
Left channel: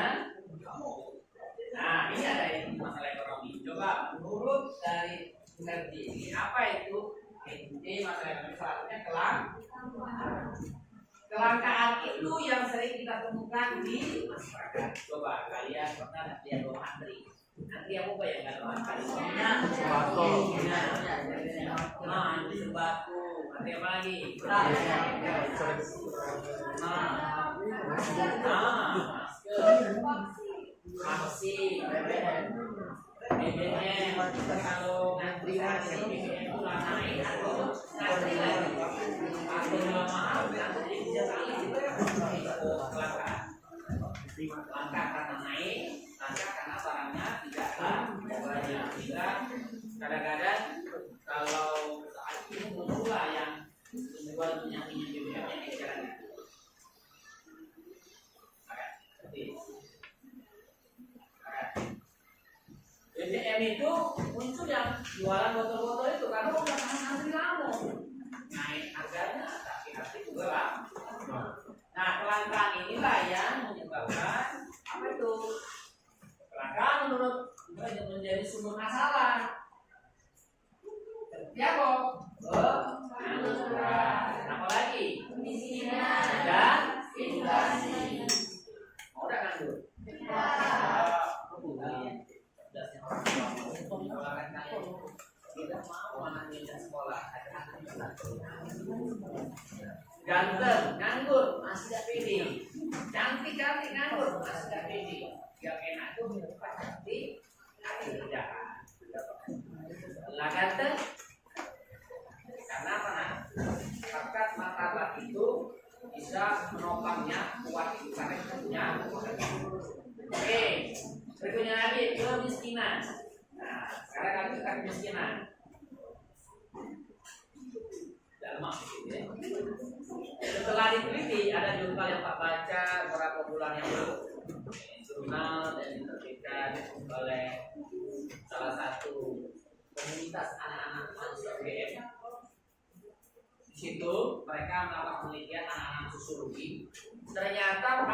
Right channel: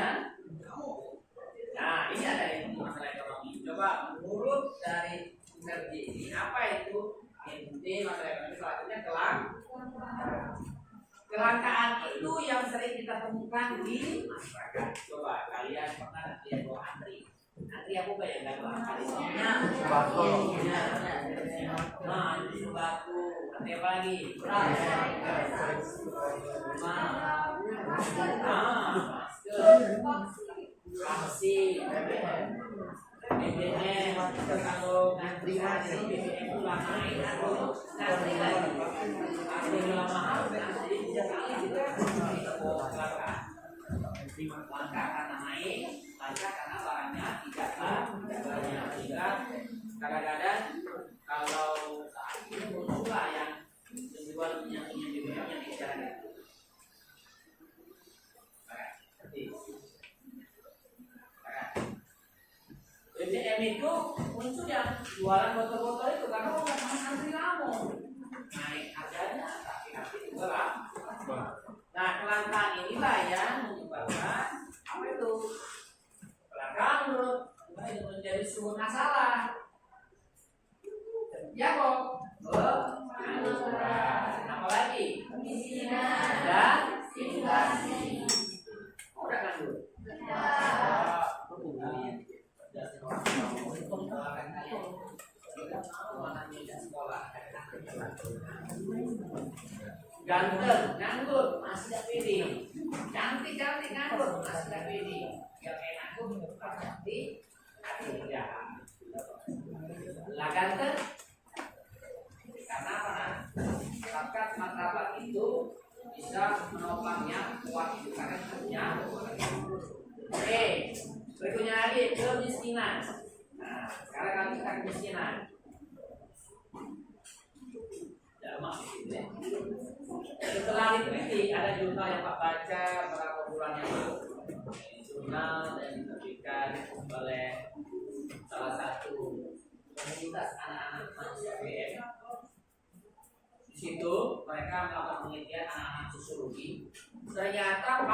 nah ini ada yang masalah ekonomi. Coba menurut dari energi ini apa itu inti masalah ekonomi? Salah satunya kelangkaan itu yang sering kita temukan di masyarakat. Coba kalian pernah lihat doa antri apa yang nggak doa antri? Antri sembako, antri apa lagi? Vaksin, BBM, kalau ngantri vaksin BBM itu naik atau ngantri lagi, harganya mahal, ngantri bisa kali itu kelangkaan. Langka karena naik, langka karena barangnya tidak banyak. Sehingga kadang-kadang kalau saat ini muncullah yang menjual minyak-minyak BBM yang di jalan itu. BBM itu muncul yang jualan botol-botol itu karena orang sama antri lama naik harganya tapi juga lah. Nah kelangkaan inilah yang menyebabkan apa itu kelangkaan menurut menjadi sumber masalah. Ya kok apa lagi kemiskinan dan inflasi. Mau udah kan dulu? Ganteng, nganggur, masih tidak pede. Cantik-cantik nganggur, masih tidak pede. Yang enak itu pasti kerjaan. Lah ganteng, karena apa? Bakat martabat itu bisa menopangnya kuat itu karena kita punya. Oke, berikutnya lagi kemiskinan. Nah, sekarang kita kemiskinan. Dalam maksud ya. Setelah diteliti ada jumlah jurnal yang Pak baca beberapa bulan yang lalu. Ini jurnal yang diterbitkan oleh salah satu komunitas anak-anak mahasiswa UGM. Di situ mereka melakukan penelitian anak-anak sosiologi. Ternyata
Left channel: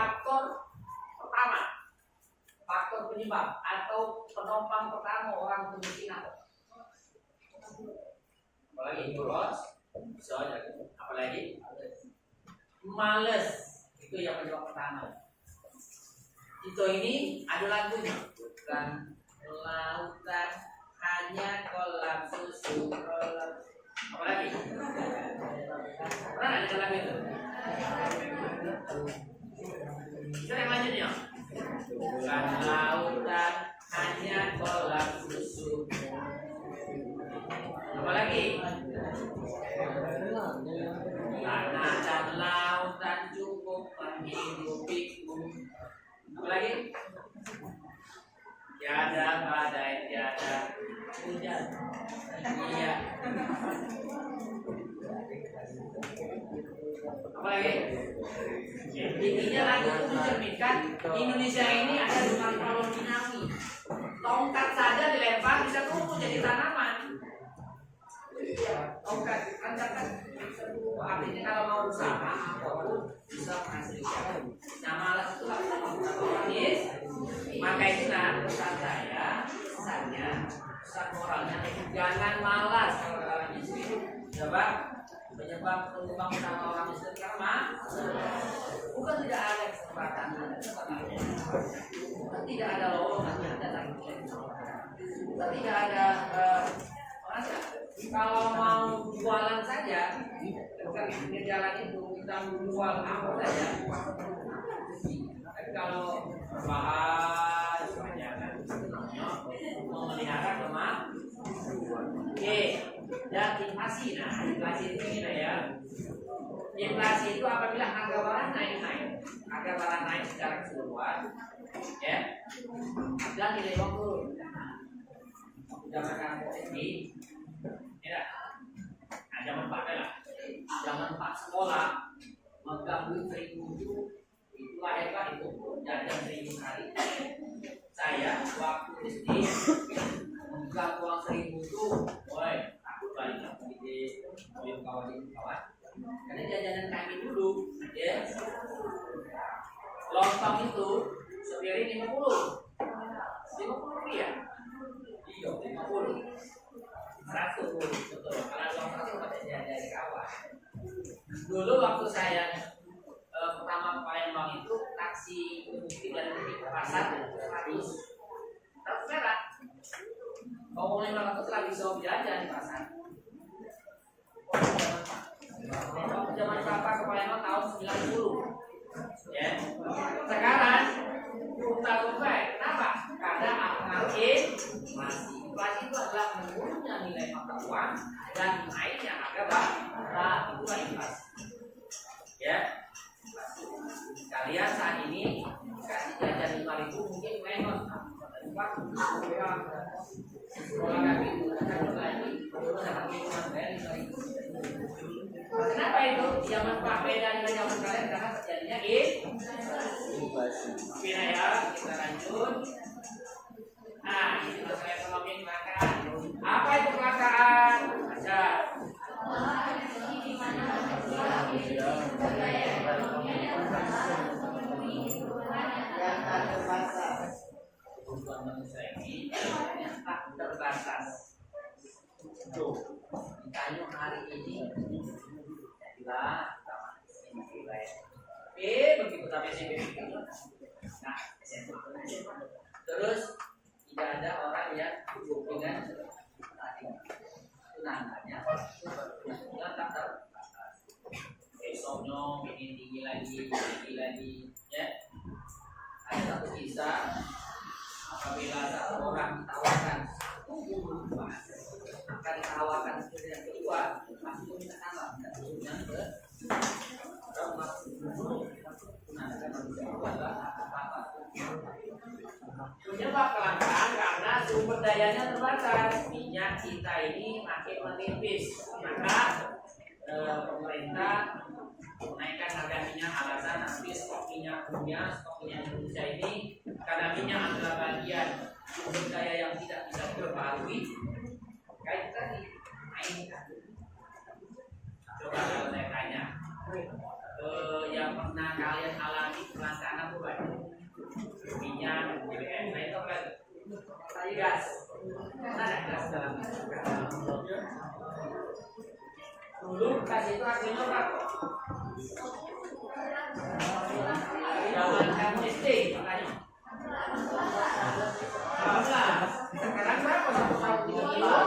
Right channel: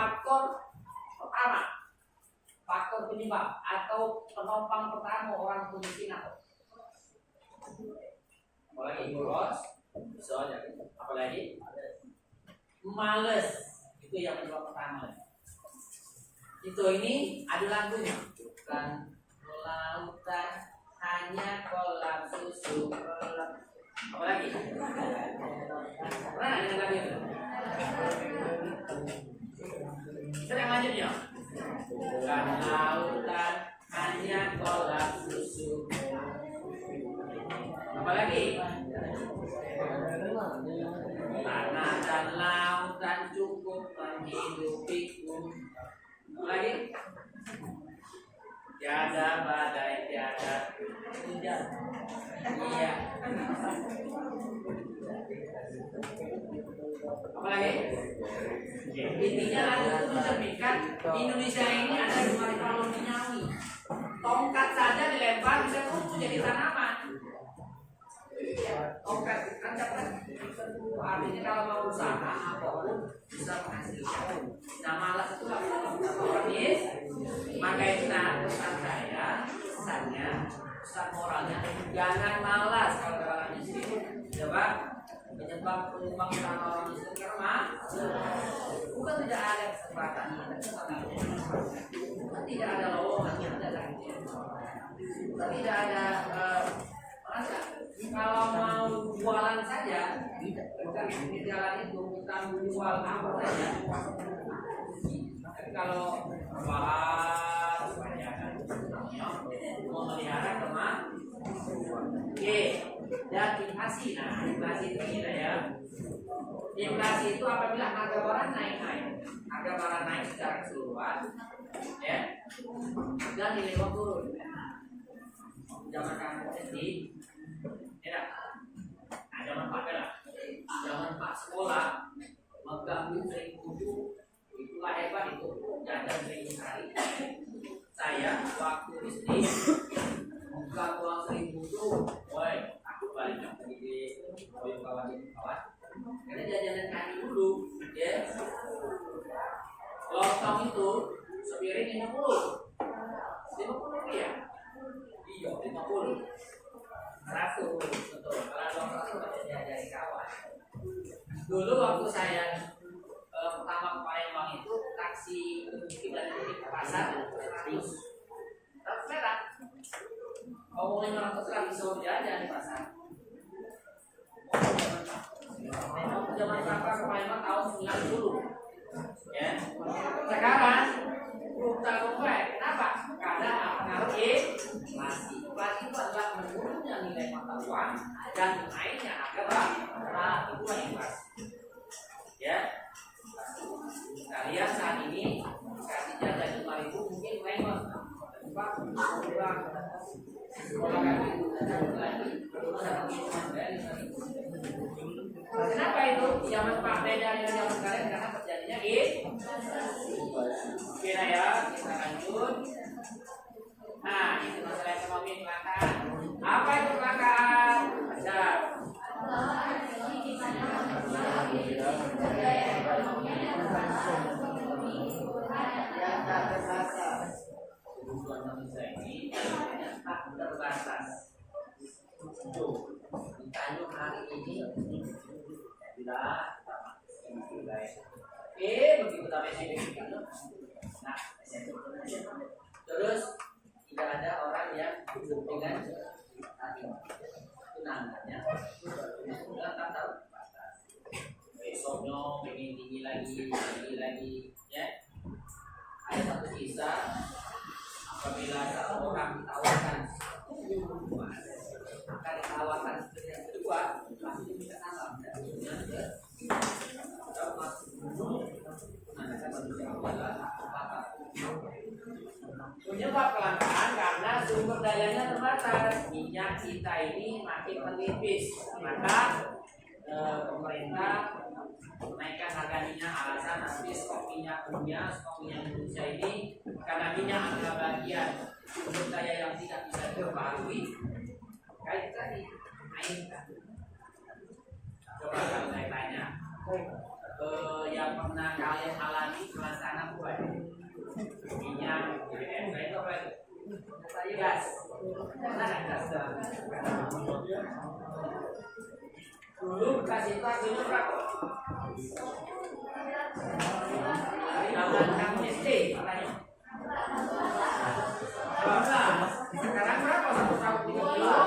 faktor penyebab atau penopang pertama orang kemiskinan. Apalagi boros, bisa aja. Apalagi males, itu yang penyebab pertama. Itu ini ada lagunya, bukan lautan hanya kolam susu. Apalagi? Pernah nggak dengar lagu itu? Kita yang lanjutnya. Bukan lautan hanya kolam susu. Apalagi? Tanah dan lautan cukup menghidupiku. Apalagi? Tiada badai, tiada hujan. Iya. Apalagi? Intinya lagu itu mencerminkan Indonesia ini ada di Palu Finawi. Tongkat saja dilempar bisa tumbuh jadi tanaman. Tongkat ancaman artinya kalau mau usaha apapun bisa menghasilkan. Nah malas itu nggak bisa maka itu pesan saya, pesannya, pesan moralnya jangan malas kalau kalian miskin. Coba penyebab penyumbang utama orang miskin karena bukan tidak ada kesempatan, bukan tidak ada lowongan, bukan tidak ada masa. Kalau mau jualan saja, bukan di jalan itu kita jual apa saja. Tapi kalau bahan kebanyakan, mau melihara kemana? Oke, dan inflasi. Nah, inflasi itu gini ya. Inflasi itu apabila harga barang naik secara keseluruhan, ya, dan nilai uang turun. Zaman kamu SD, ya, nah, zaman Pak lah, zaman Pak sekolah, megang duit 1.000 itulah hebat itu, jajan 1.000 hari. Saya waktu SD megang uang 1.000 itu, woi, aku balik lagi di koyok kawan. Karena jajanan kami dulu, ya, lontong itu sepiring 50 rupiah. Iya, 50 100 betul. Kalau lontong itu pada dari kawan. Dulu waktu saya pertama ke Palembang itu taksi dari titik pasar 100 perak. Kalau 500 lah bisa jajan di pasar. Zaman berapa ke Palembang tahun 90. Ya. Sekarang kita tumpah. Kenapa? Karena pengaruh inflasi. Inflasi itu adalah menurunnya nilai mata uang dan naiknya harga barang. Nah, itulah inflasi. Ya. Kalian saat ini kasih jajan 5.000 mungkin memang tempat sekolah kami itu lagi kenapa itu zaman Pak beda dengan zaman kalian karena terjadinya oke ya kita lanjut. Nah itu masalah ekonomi kelangkaan. Apa itu kelangkaan? Baca. Kebutuhan manusia ini tak terbatas. Tuh, ditanya hari ini jadilah kita masih baik. Begitu sampai SMP itu, nah SMP terus tidak ada orang yang dengan tunangannya sudah tak terbatas. Besoknya ingin tinggi lagi, ya. Ada satu kisah apabila satu orang ditawarkan maka ditawarkan yang kedua langsung minta tanggal dan yang penyebab kelangkaan karena sumber dayanya terbatas. Minyak kita ini makin menipis, maka pemerintah menaikkan harga minyak alasan nanti ini stok minyak dunia, stok minyak Indonesia ini, karena minyak adalah bagian sumber daya yang tidak bisa diperbarui, kayak kita dimainkan. Coba kalau saya tanya, yang pernah kalian alami kelangkaan apa? Minyak, BBM, itu apa? Gas. Mana gas dalam? Dulu gas itu harganya berapa? Zaman kamu SD, makanya. Sekarang berapa? 1 tahun 3 kilo.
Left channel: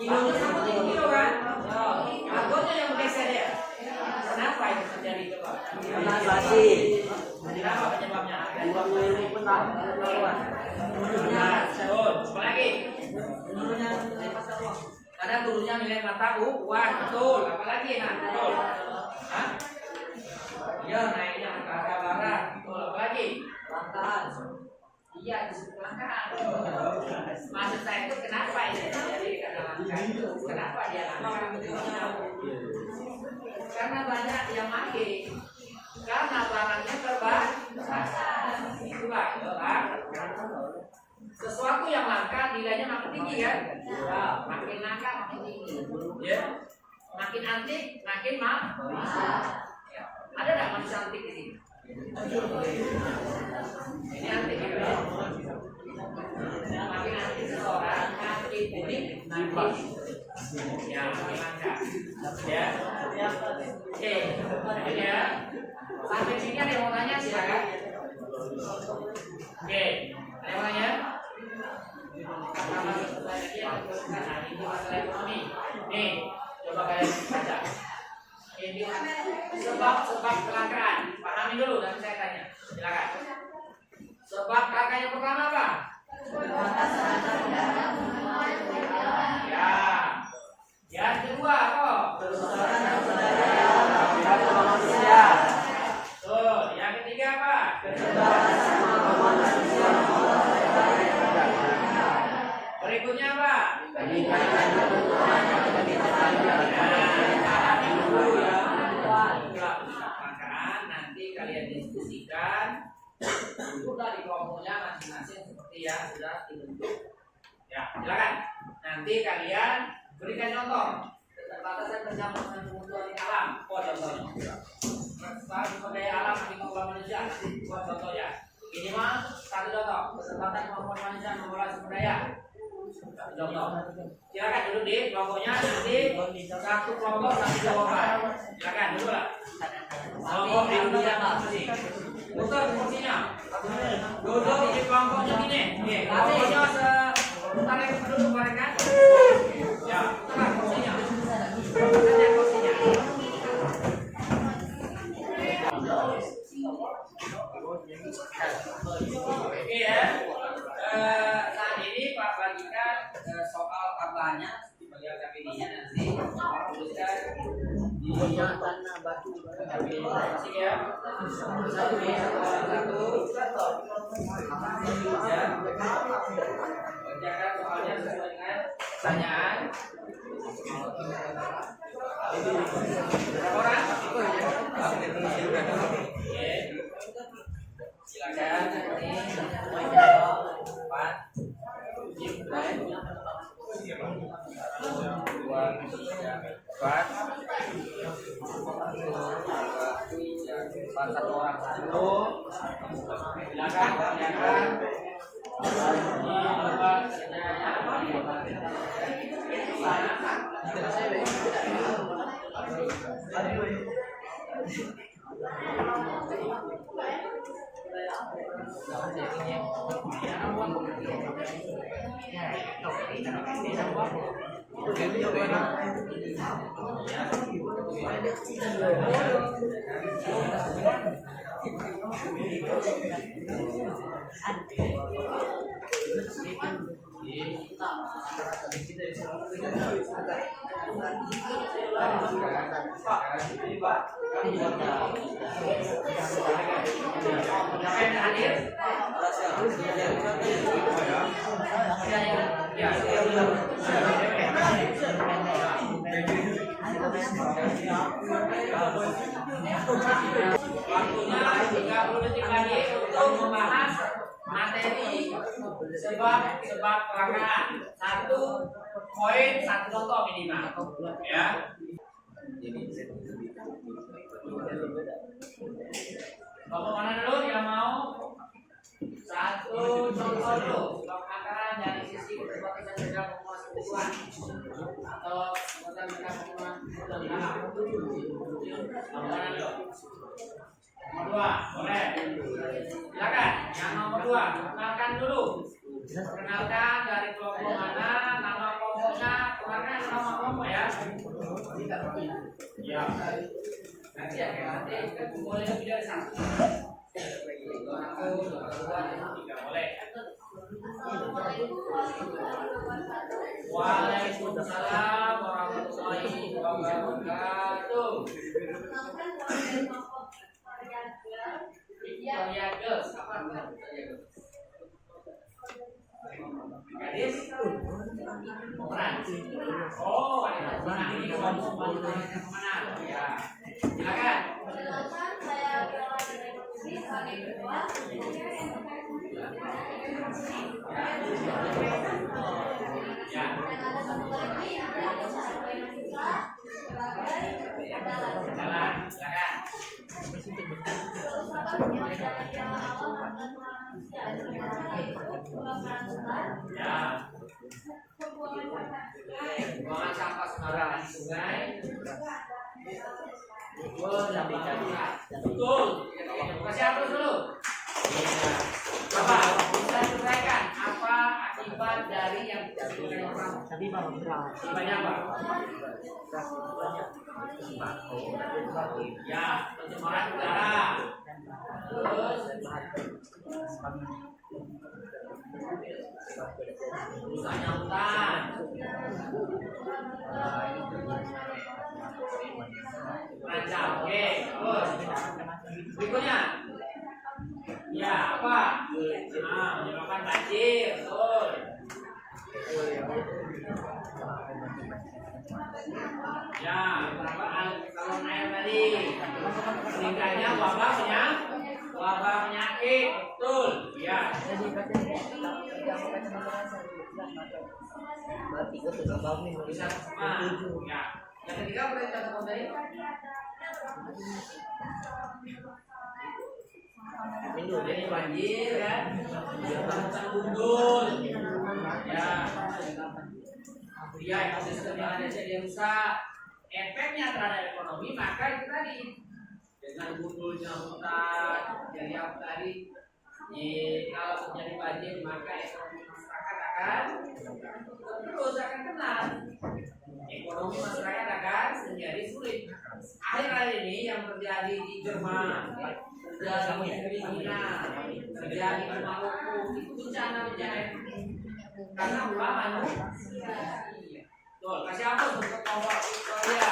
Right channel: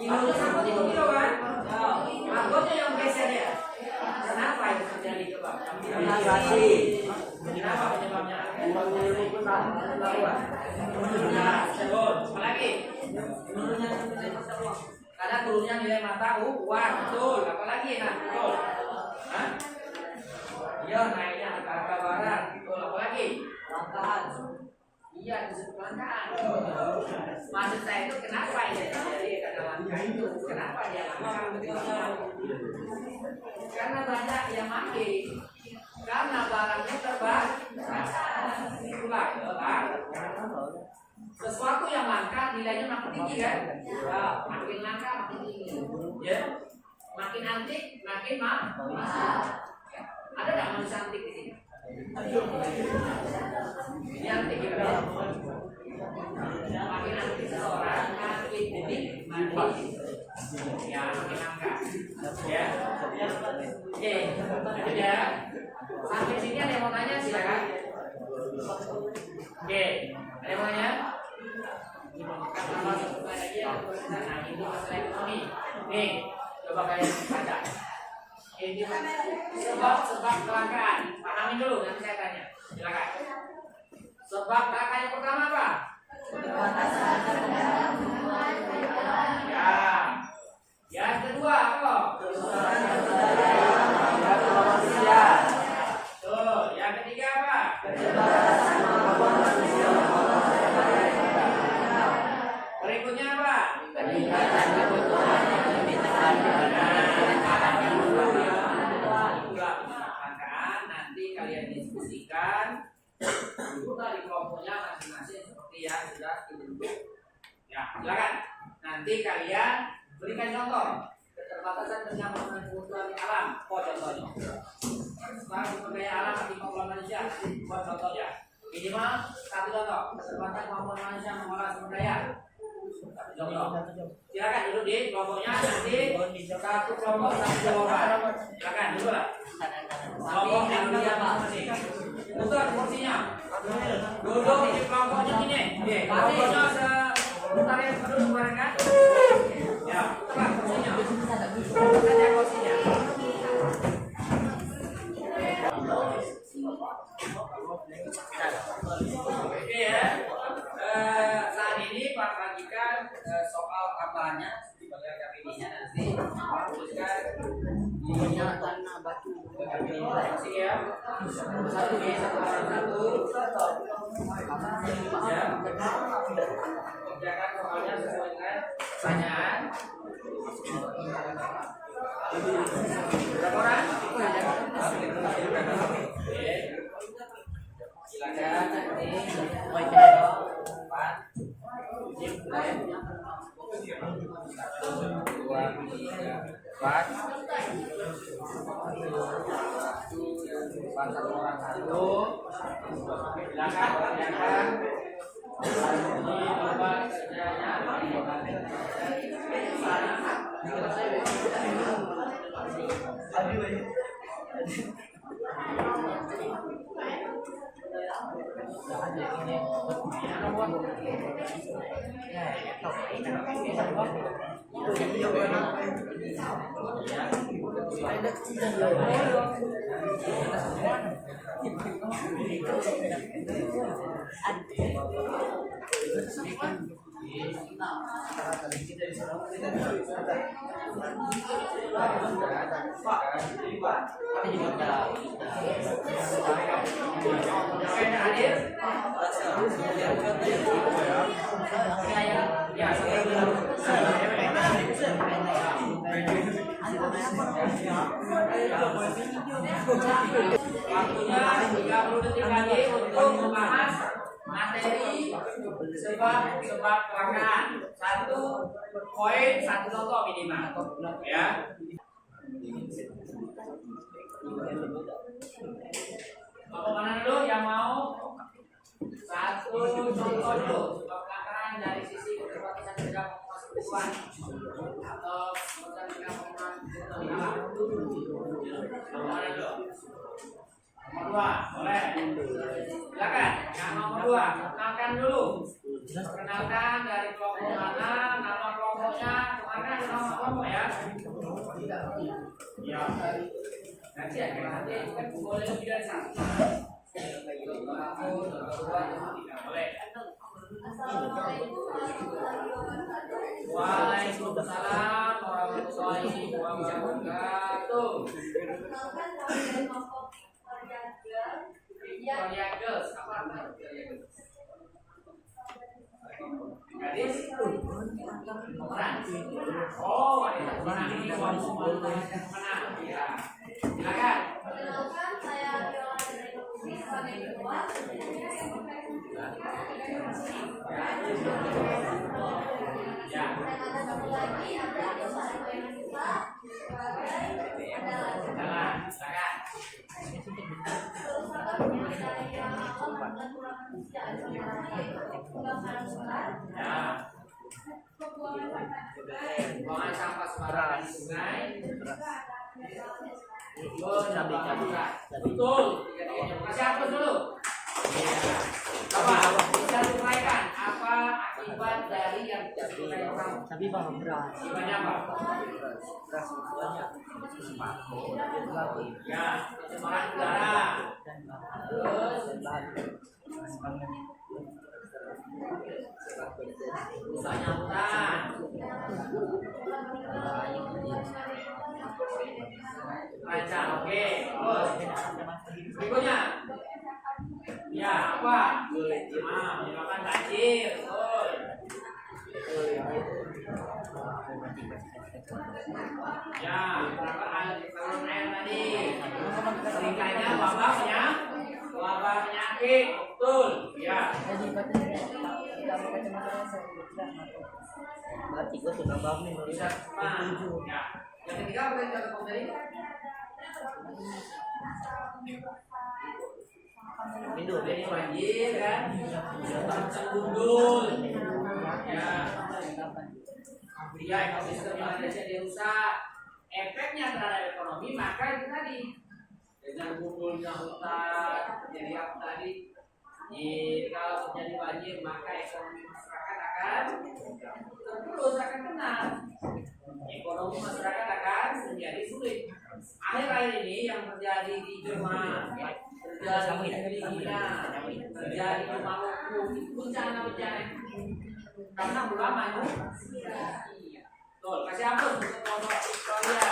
Kilonya sama 3 kilo kan? Harganya yang geser ya. Kenapa itu terjadi coba? Kenapa penyebabnya? Apa lagi? Karena turunnya nilai mata uang, betul. Apalagi nah, betul. Hah? Iya, naiknya harga barang, betul. Apalagi? Kelangkaan. Iya, disebut kelangkaan. Maksud saya itu kenapa ini jadi karena langka itu? Kenapa dia langka? Karena banyak yang pakai. Karena barangnya terbatas. Itulah kan. Sesuatu yang langka nilainya makin tinggi kan? Ya, makin langka makin tinggi. Ya. Makin antik makin mahal. Ya. Ada enggak manusia antik di sini? Ini antik ya. Makin antik seseorang makin unik makin ya makin langka. Ya. Oke, lanjut ya. Sampai sini ada yang mau tanya silakan. Oke, ada yang mau tanya? Karena ini masalah ekonomi. Nih, coba kalian baca. Ini sebab kelangkaan. Pahami dulu nanti saya tanya. Silakan. Sebab kelangkaan yang pertama apa? Ya. Yang kedua apa? Tuh, yang ketiga apa? Berikutnya apa? Nanti kalian diskusikan sudah di kelompoknya masing-masing seperti yang sudah dibentuk. Ya, silakan. Nanti kalian berikan contoh keterbatasan tentang kebutuhan di alam. Oh, contohnya. Setelah sumber daya alam bagi pengelola manusia, buat contohnya. Minimal satu contoh keterbatasan kemampuan manusia mengolah sumber daya. Contoh. Silakan duduk di kelompoknya, nanti satu kelompok satu jawaban. Silakan dulu lah. Kelompok yang masing-masing. Putar kursinya. Duduk di kelompoknya gini. Kelompoknya sebentar yang duduk kan? Ya, putar kursinya. Putar kursinya. Oke ya. Saat ini Pak bagikan soal tambahannya di bagian KPD-nya nanti tuliskan di tanah batu masih ya. Satu ya. Kerjakan soalnya sesuai dengan pertanyaan. Berapa orang? Oke. Silakan nanti 4 satu orang satu. Silakan. Waktunya 30 detik lagi untuk membahas materi sebab rangkaian. 1 poin 1 contoh minimal. Ya. Bapak mana dulu yang mau? 1 contoh dulu. Rangkaian dari sisi keterbatasan beda penguasa tujuan atau keterbatasan beda penguasa tujuan alam. Bapak mana dulu? Nomor 2, boleh. Silakan. Yang nomor 2, kenalkan dulu. Perkenalkan dari kelompok mana, nama kelompoknya, kemarin ada nama kelompok ya. Ya. Nanti ya, nanti kan boleh lebih dari 1. Boleh. Waalaikumsalam warahmatullahi wabarakatuh. Victoria Girls, apa artinya Victoria Girls? Gadis pemeran. Oh, ada pemenang ini kelompok pemenang. Ya, silakan. Perkenalkan, saya Viola dari Putri, sebagai ketua. Ya. Dan ada satu lagi, ada satu yang kita sebagai adalah. Jalan, silakan. Terus apa dari yang awal dan kurang manusia ada sebenarnya yaitu pembakaran sungai, Ya. pembuangan sampah sungai, Buangan sampah sembarangan di sungai. Betul. Kasih hapus dulu. Bapak, bisa diuraikan apa akibat dari yang diuraikan orang? Tapi bawa beras. Akibatnya apa? Ya, pencemaran udara. Terus rusaknya hutan. Rancang, oke. Terus berikutnya. Ya, apa? Menyebabkan banjir, betul. Ya, saluran air tadi. Meningkatnya wabah penyakit, betul. Ya. Bisa cepat. Ya. Yang ketiga boleh contoh tadi. Jadi banjir kan, hutan gundul, ya, ya ekosistem yang ada jadi rusak, efeknya terhadap ekonomi maka itu tadi dengan gundulnya hutan, jadi apa tadi? Kalau terjadi banjir maka ekonomi masyarakat akan terus akan kena, ekonomi masyarakat akan menjadi sulit. Akhir-akhir ini yang terjadi di Jerman, terjadi di Filipina, terjadi di Maluku, itu bencana-bencana karena ulah manusia. Betul, kasih ampun untuk kelompok Victoria.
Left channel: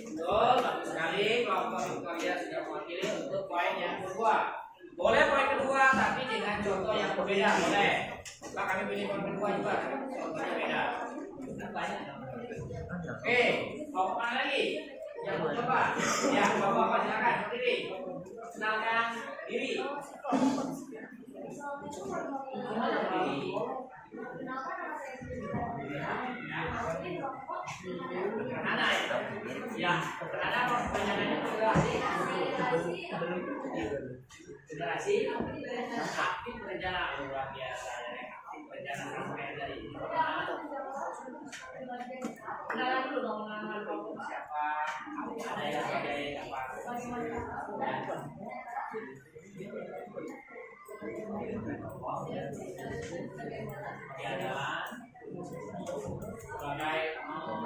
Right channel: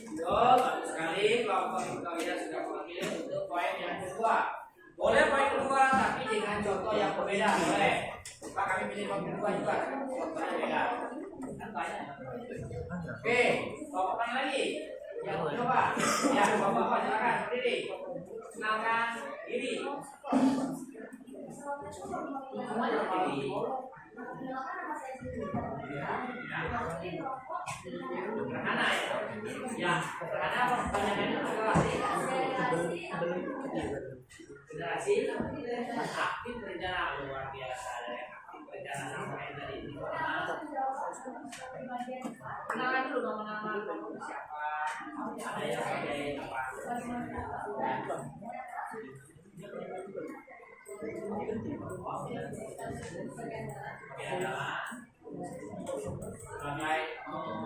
Betul, bagus sekali kelompok Victoria sudah mewakili untuk poin yang kedua. Boleh poin kedua tapi dengan contoh yang berbeda, boleh. Pak kami pilih poin kedua juga, contohnya beda. Kan banyak. Oke, kelompok mana lagi? Yang mau coba? Ya, bapak-bapak silakan berdiri. Kenalkan diri. Sederhana ya? Ya, sederhana apa kebanyakannya federasi? Federasi aktif berencana luar biasa dari aktif berencana sampai dari ini. Kenalan dulu dong nama kelompok siapa? Ada yang sebagai apa? Adalah sebagai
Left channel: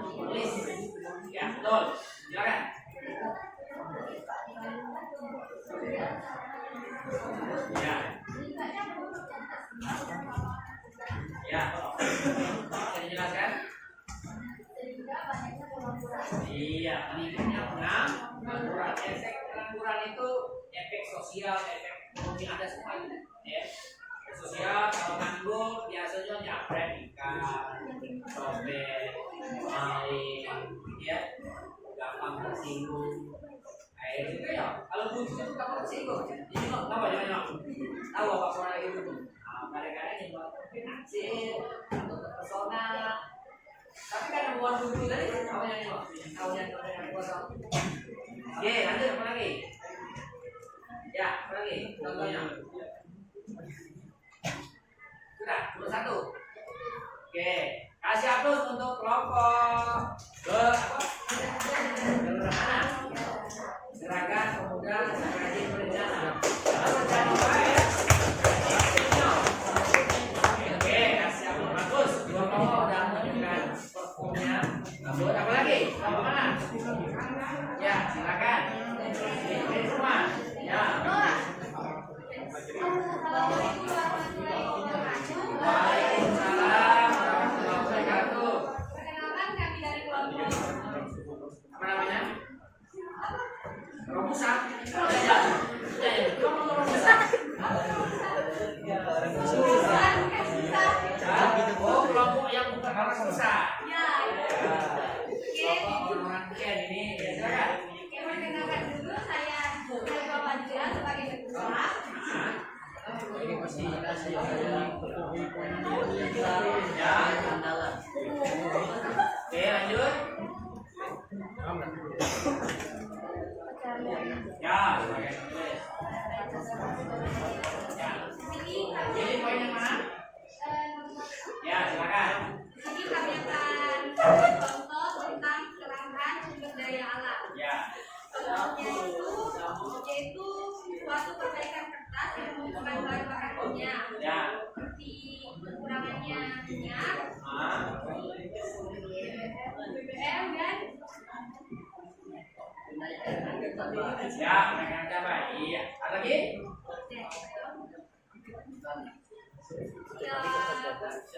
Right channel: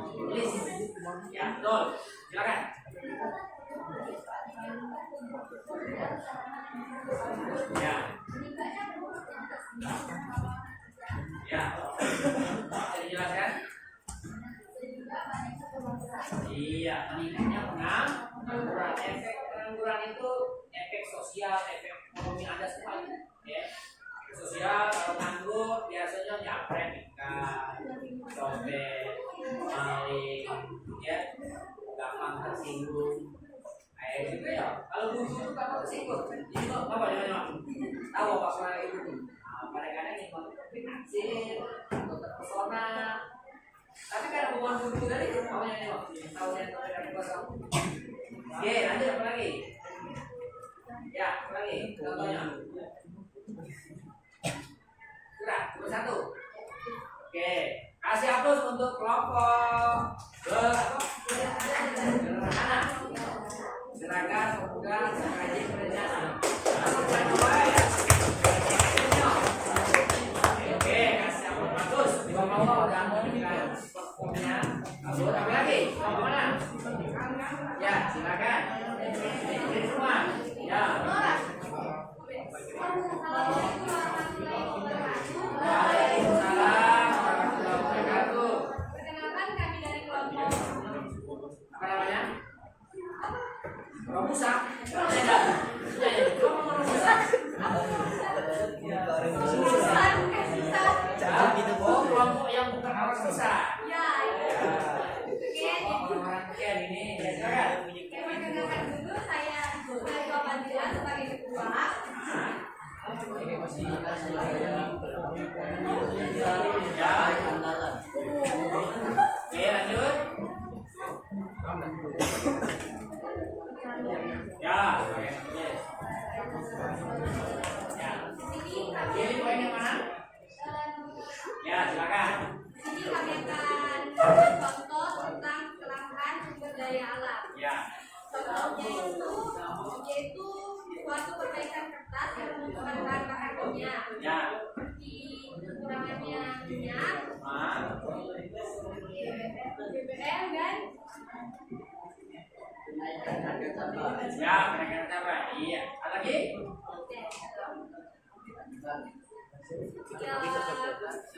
penulis. Ya, betul. Silakan. Ya. Ya. Bisa dijelaskan? Iya, meningkatnya pengangguran. Efek pengangguran itu efek sosial, efek ekonomi ada semua. Ya. Efek sosial kalau nganggur biasanya nyapret, nikah, copet, maling, ya, gampang tersinggung. Kayak gitu ya. Kalau butuh itu gampang tersinggung. Jadi kok tahu jangan tahu apa suara itu. Kadang-kadang yang tapi naksir atau terpesona. Tapi karena bukan butuh tadi apa yang tahu yang dari kuasa. Oke, lanjut apa lagi? Ya, apa lagi? Contohnya. Sudah, nomor 1. Oke, kasih aplaus untuk kelompok sederhana. Gerakan pemuda rajin berencana. Lalu jangan lupa ya. Oke, kasih aplaus bagus. Dua kelompok udah menunjukkan performnya. Bagus, apa lagi? Apa mana? Ya, silakan. Ini semua. Ya. Waalaikumsalam warahmatullahi wabarakatuh. Perkenalkan kami dari kelompok Apa namanya? Romusa. Oh, kelompok yang bukan orang susah. Ya, Orang Ken ini, ya silakan. Oke, perkenalkan dulu saya Bapak Dila sebagai ketua. Oke, lanjut. Ya, ya. Jadi poin yang mana? Ya, silakan. Di sini kami akan contoh tentang kelangkaan sumber daya alam. Ya. Contohnya itu yaitu suatu perbaikan kertas yang membutuhkan bahan bakar minyak, Ya. seperti kekurangannya minyak, BBM dan Ya, mereka apa? Iya. Ada lagi? ya,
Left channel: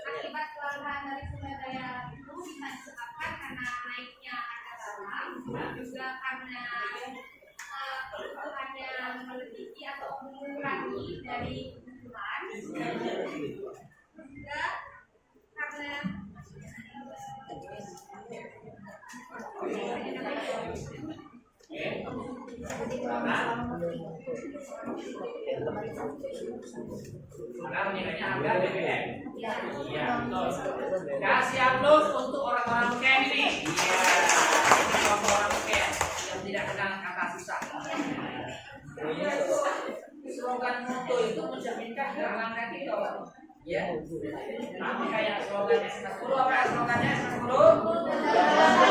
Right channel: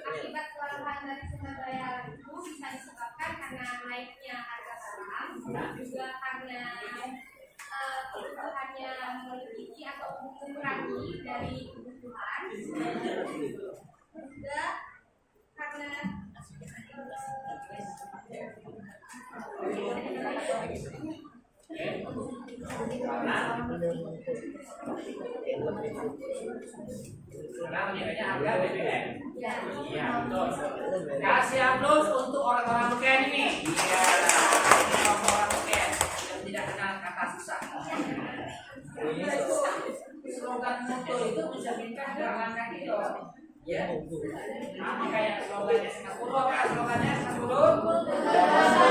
akibat kelangkaan dari sumber daya alam itu bisa disebabkan karena naiknya harga barang, juga karena kebutuhannya melebihi atau mengurangi dari kebutuhan, juga karena Karena meningkatnya harga BBM. ya, Iya, betul. Kasih aplaus untuk orang-orang Ken ini. Iya, orang-orang Ken yang tidak kenal kata susah. Slogan moto itu mencerminkan jalan kaki loh. Ya, sama kayak slogan SMS 10 apa slogannya SMS 10?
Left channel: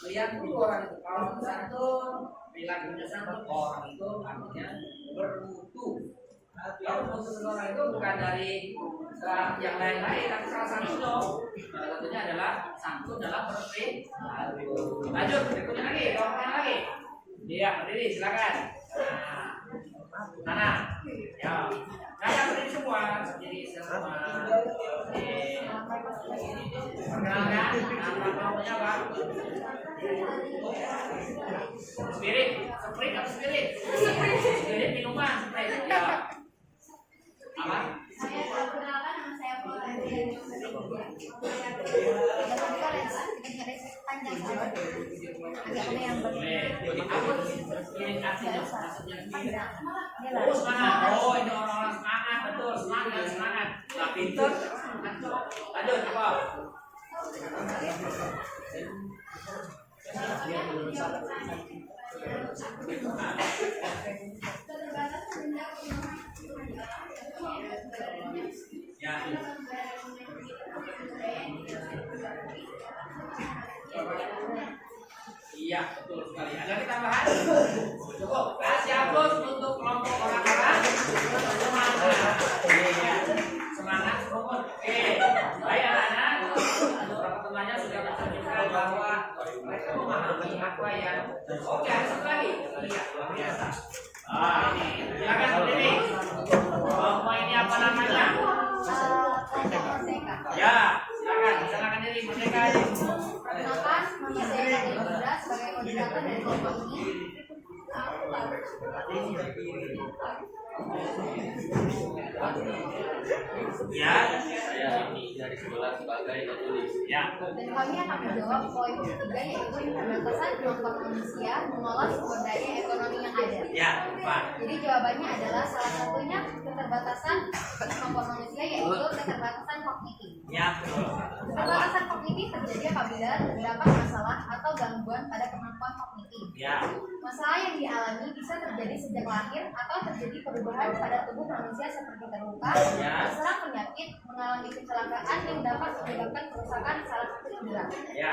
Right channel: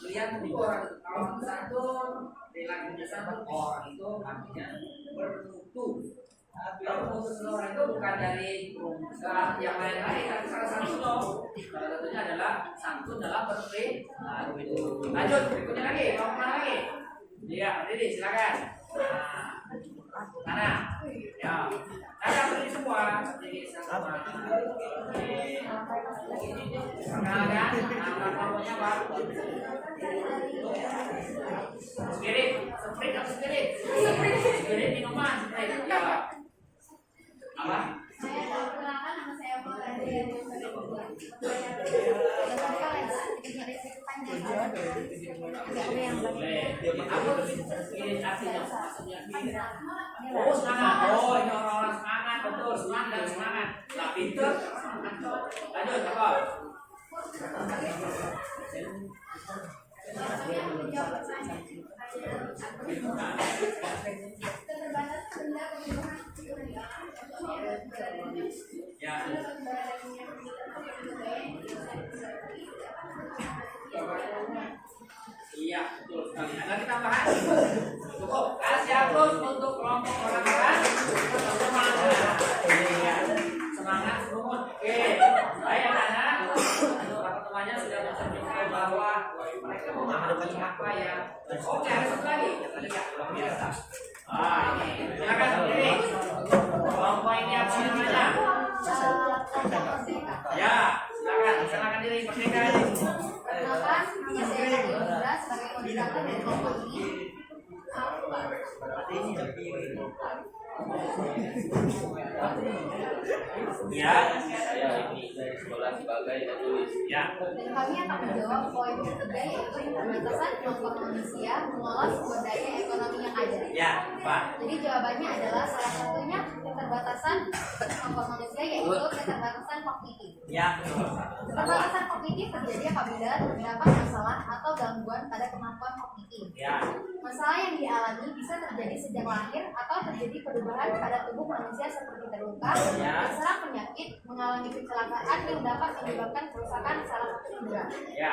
Lihat itu orang kalau santun, perilakunya santun, orang itu artinya bermutu. Kalau mutu seseorang itu bukan dari yang lain-lain, tapi salah satunya. Salah satunya adalah santun dalam berperilaku. Lanjut, berikutnya lagi, kalau mana lagi? Iya, berdiri, silakan. Mana? Ya, saya berdiri semua, berdiri semua. Perkenalkan, nama kelompoknya apa? Spirit, Sprite atau Spirit? Spirit minuman, Sprite. Ya. Apa? saya perkenalkan nama saya Boleh. Apa ini artinya? Maksudnya oh semangat. Oh ini orang-orang semangat, betul semangat semangat. Nah pinter. Lanjut apa? Ya. Iya betul sekali. Ada lagi tambahan? Cukup. Kasih aplaus untuk kelompok orang-orang semangat. Iya. Semangat semangat. Oke. Baik anak-anak. Beberapa temannya sudah mencerminkan bahwa mereka memahami apa yang. Oke ada satu lagi. Lihat luar biasa. Ah ini. Silakan berdiri. Kelompok ini apa namanya? Ya. Silakan diri merdeka ini. Perkenalkan, nama saya Indra sebagai koordinator dari kelompok ini. Ya, saya ini dari sekolah sebagai penulis. Ya. Dan kami akan menjawab poin ketiga yaitu keterbatasan kelompok manusia mengolah sumber daya ekonomi yang ada. Ya, Pak. Jadi jawabannya adalah salah satunya keterbatasan kelompok manusia yaitu keterbatasan kognitif. Ya, betul. Keterbatasan kognitif terjadi apabila terdapat masalah atau gangguan pada kemampuan kognitif. Ya. Masalah yang dialami bisa terjadi sejak lahir atau terjadi perubahan pada tubuh manusia seperti terluka, Ya. terserang penyakit, mengalami kecelakaan yang dapat menyebabkan kerusakan salah satu indera. Ya.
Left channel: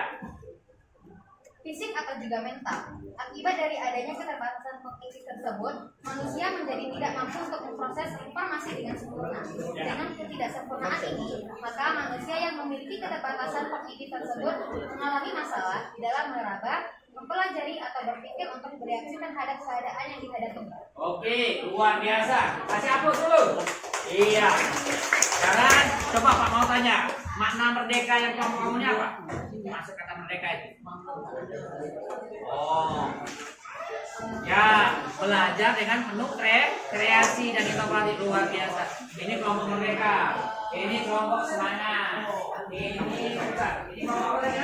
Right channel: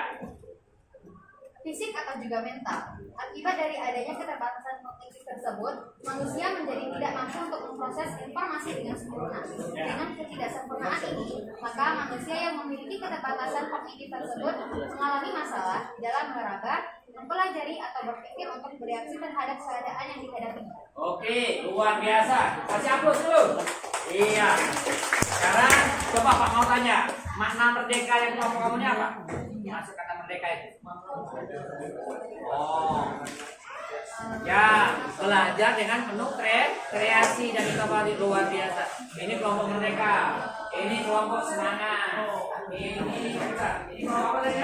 Fisik atau juga mental. Akibat dari adanya keterbatasan kognitif tersebut, manusia menjadi tidak mampu untuk memproses informasi dengan sempurna. Dengan ketidaksempurnaan ini, maka manusia yang memiliki keterbatasan kognitif tersebut mengalami masalah di dalam meraba, mempelajari atau berpikir untuk bereaksi terhadap keadaan yang dihadapinya. Oke, luar biasa. Kasih aplaus dulu. Iya. Sekarang coba Pak mau tanya, makna merdeka yang kelompok kamu ini apa? Masuk kata merdeka itu. Oh. Ya, belajar dengan penuh kreasi dan inovasi luar biasa. Ini kelompok merdeka. Ini kelompok semangat. Ini kelompok apa tadi?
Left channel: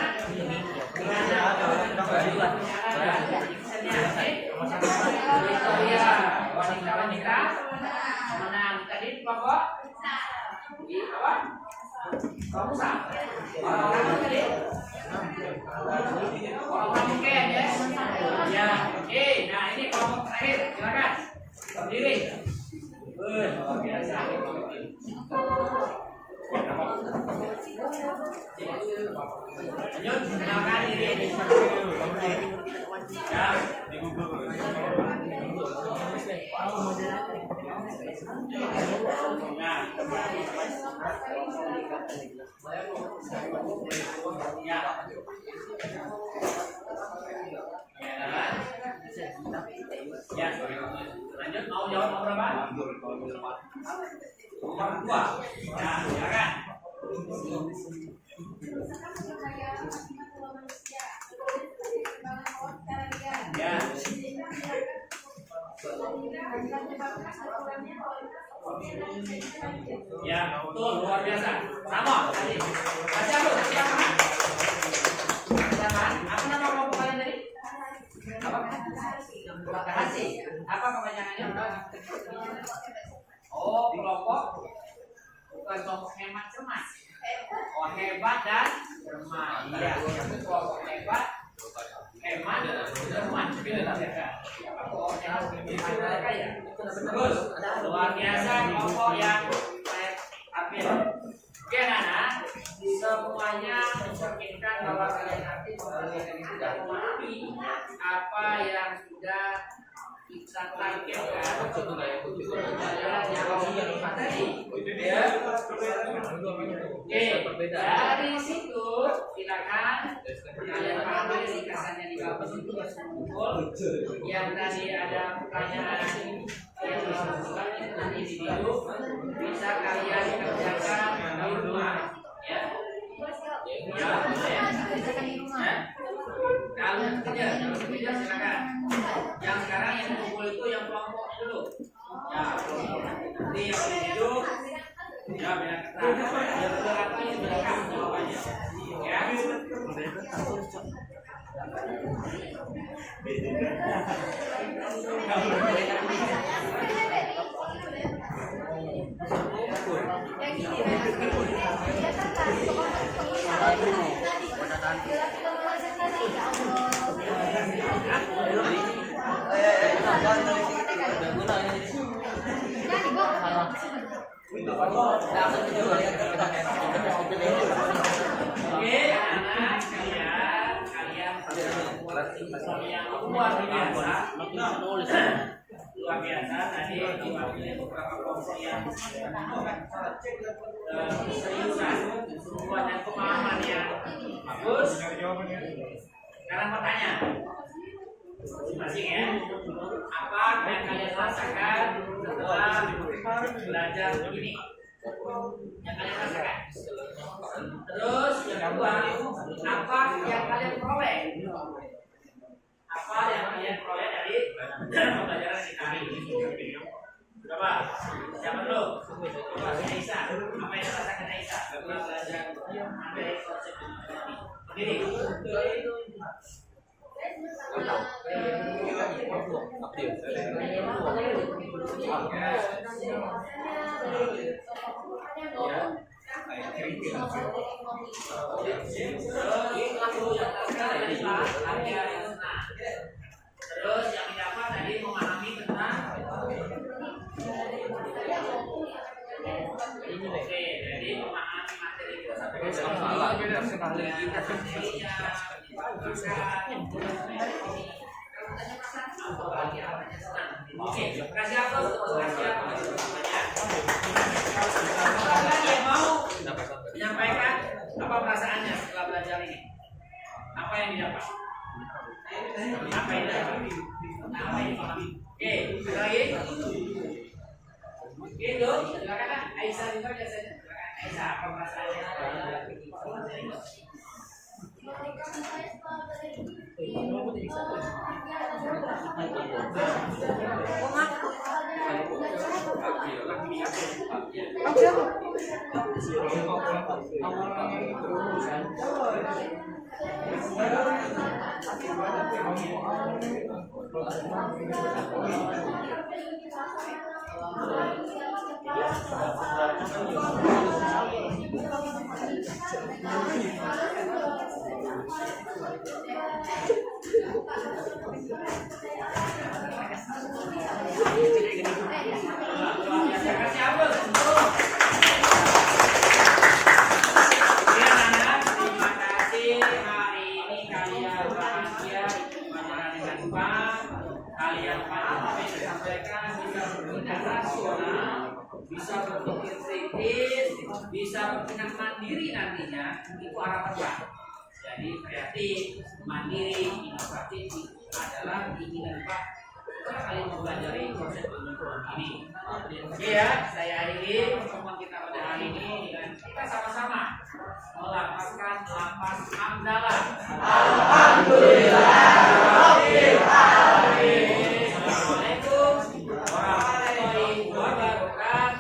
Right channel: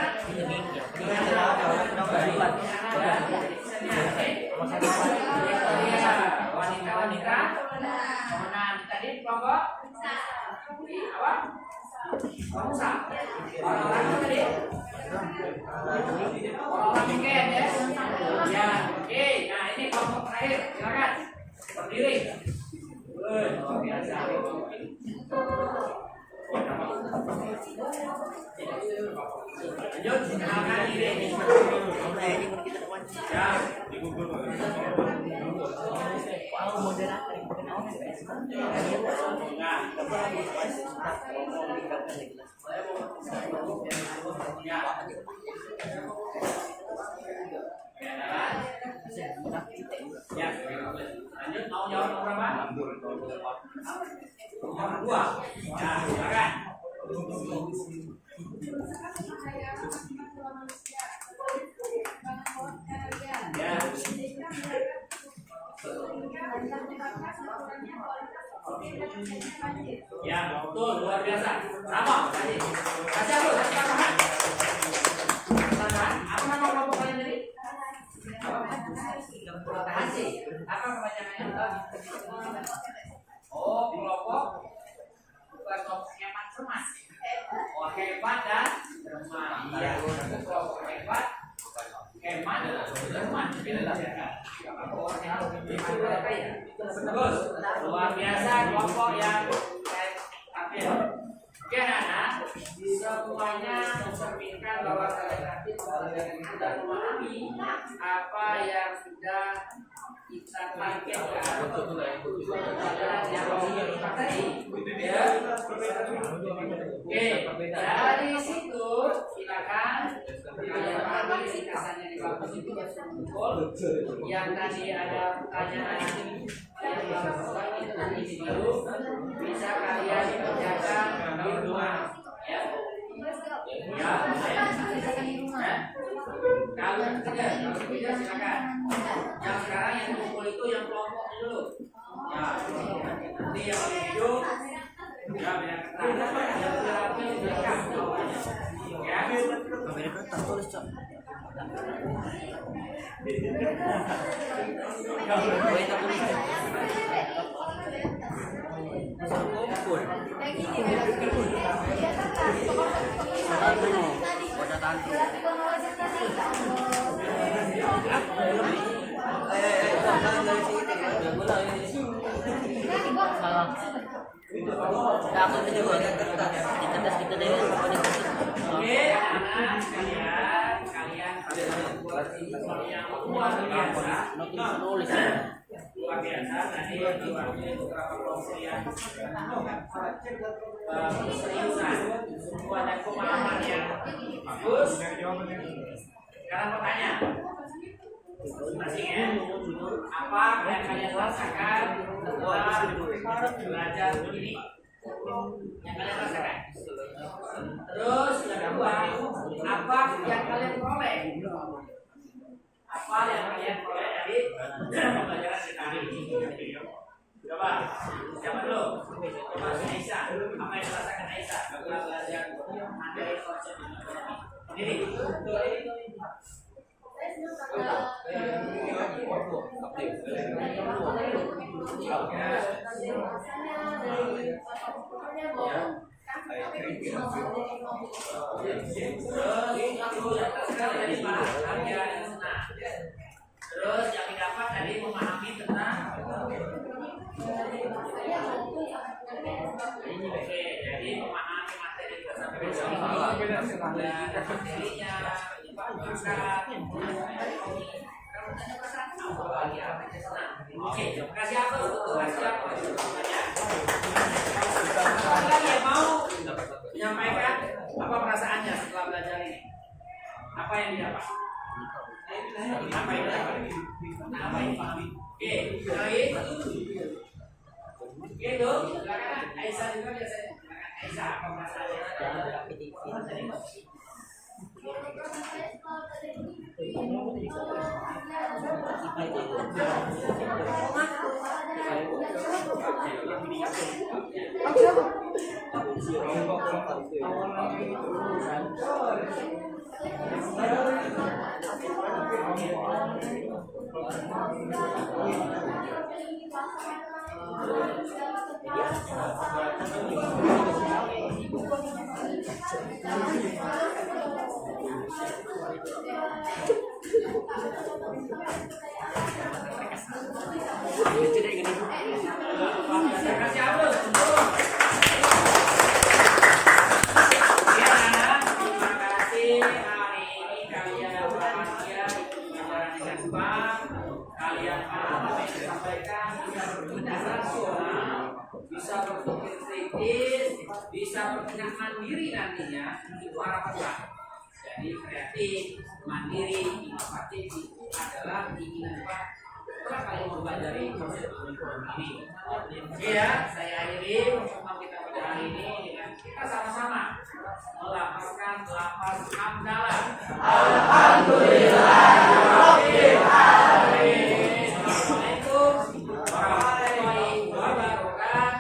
Wanita-wanita menang. Tadi kelompok apa? Pengusaha. Orang-orang tadi. Orang-orang weekend ya. Ya, oke. Nah ini kelompok terakhir. Silakan berdiri. Luar biasa. Lanjut, kenalkan diri. Ya. Ya, lanjut mau jawab nomor berapa? Nomor 2. Ya, silakan. Ya. Ya, betul, luar biasa. Sama tadi. Kasih apa? Kasih apa? Apa nama kelompok kalian tadi? Apa? Kasih. Apa kepanjangannya? Oh, kelompok bukan kelompok hemat cermat. Oh, hebat dan cermat. Iya, kelompok hebat, hemat, cermat. Terus, luar biasa kelompok yang saya ambil. Oke, Nana, semuanya mencerminkan bahwa kalian nanti sudah memahami apa yang sudah kita targetkan Oke, dari situ silakan kalian pahami ringkasannya di kampus itu yang tadi ada pertanyaan yang melakukan nanti di video bisa kalian kerjakan di rumah ya. Kalau kerja silakan. Yang sekarang yang kumpul itu yang kelompoknya dulu. Ya, nanti yang hidup ya biar ketat. Yang terapi direkam jawabannya. Ya. Luar biasa tadi diwakili beberapa kelompok yang seriusan dan pemahaman yang bagus. Sekarang mau tanya masing-masing ya, apa yang kalian rasakan setelah belajar begini? Yang kalian rasakan. Terus yang kedua, apa yang kalian peroleh? Apa yang kalian peroleh dari pembelajaran kita hari ini? Coba, siapa dulu? Mas Aisyah, apa yang dirasakan Aisyah setelah belajar materi konsep ekonomi? Berdiri. Terus yang didapat tadi memahami tentang oke, jadi memahami materi kita sampai ke sini. Materinya, oke, kasih aplaus untuk kasih aplaus semuanya. Ada yang mau menyampaikan apa perasaannya setelah belajar ini? Apa yang didapat? Apa yang didapat? Apa yang dipahami? Oke, lagi. Gitu, silakan Aisyah juga biasanya. Silakan Aisyah, apa perasaannya? Kasih aplaus. Terima kasih. Hari ini kalian bahagia pelajaran dengan cepat. Kalian paham apa yang disampaikan, bisa bertindak rasional, bisa berpikir kritis, bisa bertindak mandiri nantinya. Itu harapan Pak. Jadi kreatif, mandiri, inovatif itu adalah keinginan Pak. Setelah kalian mempelajari konsep ekonomi ini. Oke ya, saya akhiri pertemuan kita pada hari ini dengan kita sama-sama melapaskan lapas hamdalah. Alhamdulillah. Assalamualaikum warahmatullahi wabarakatuh.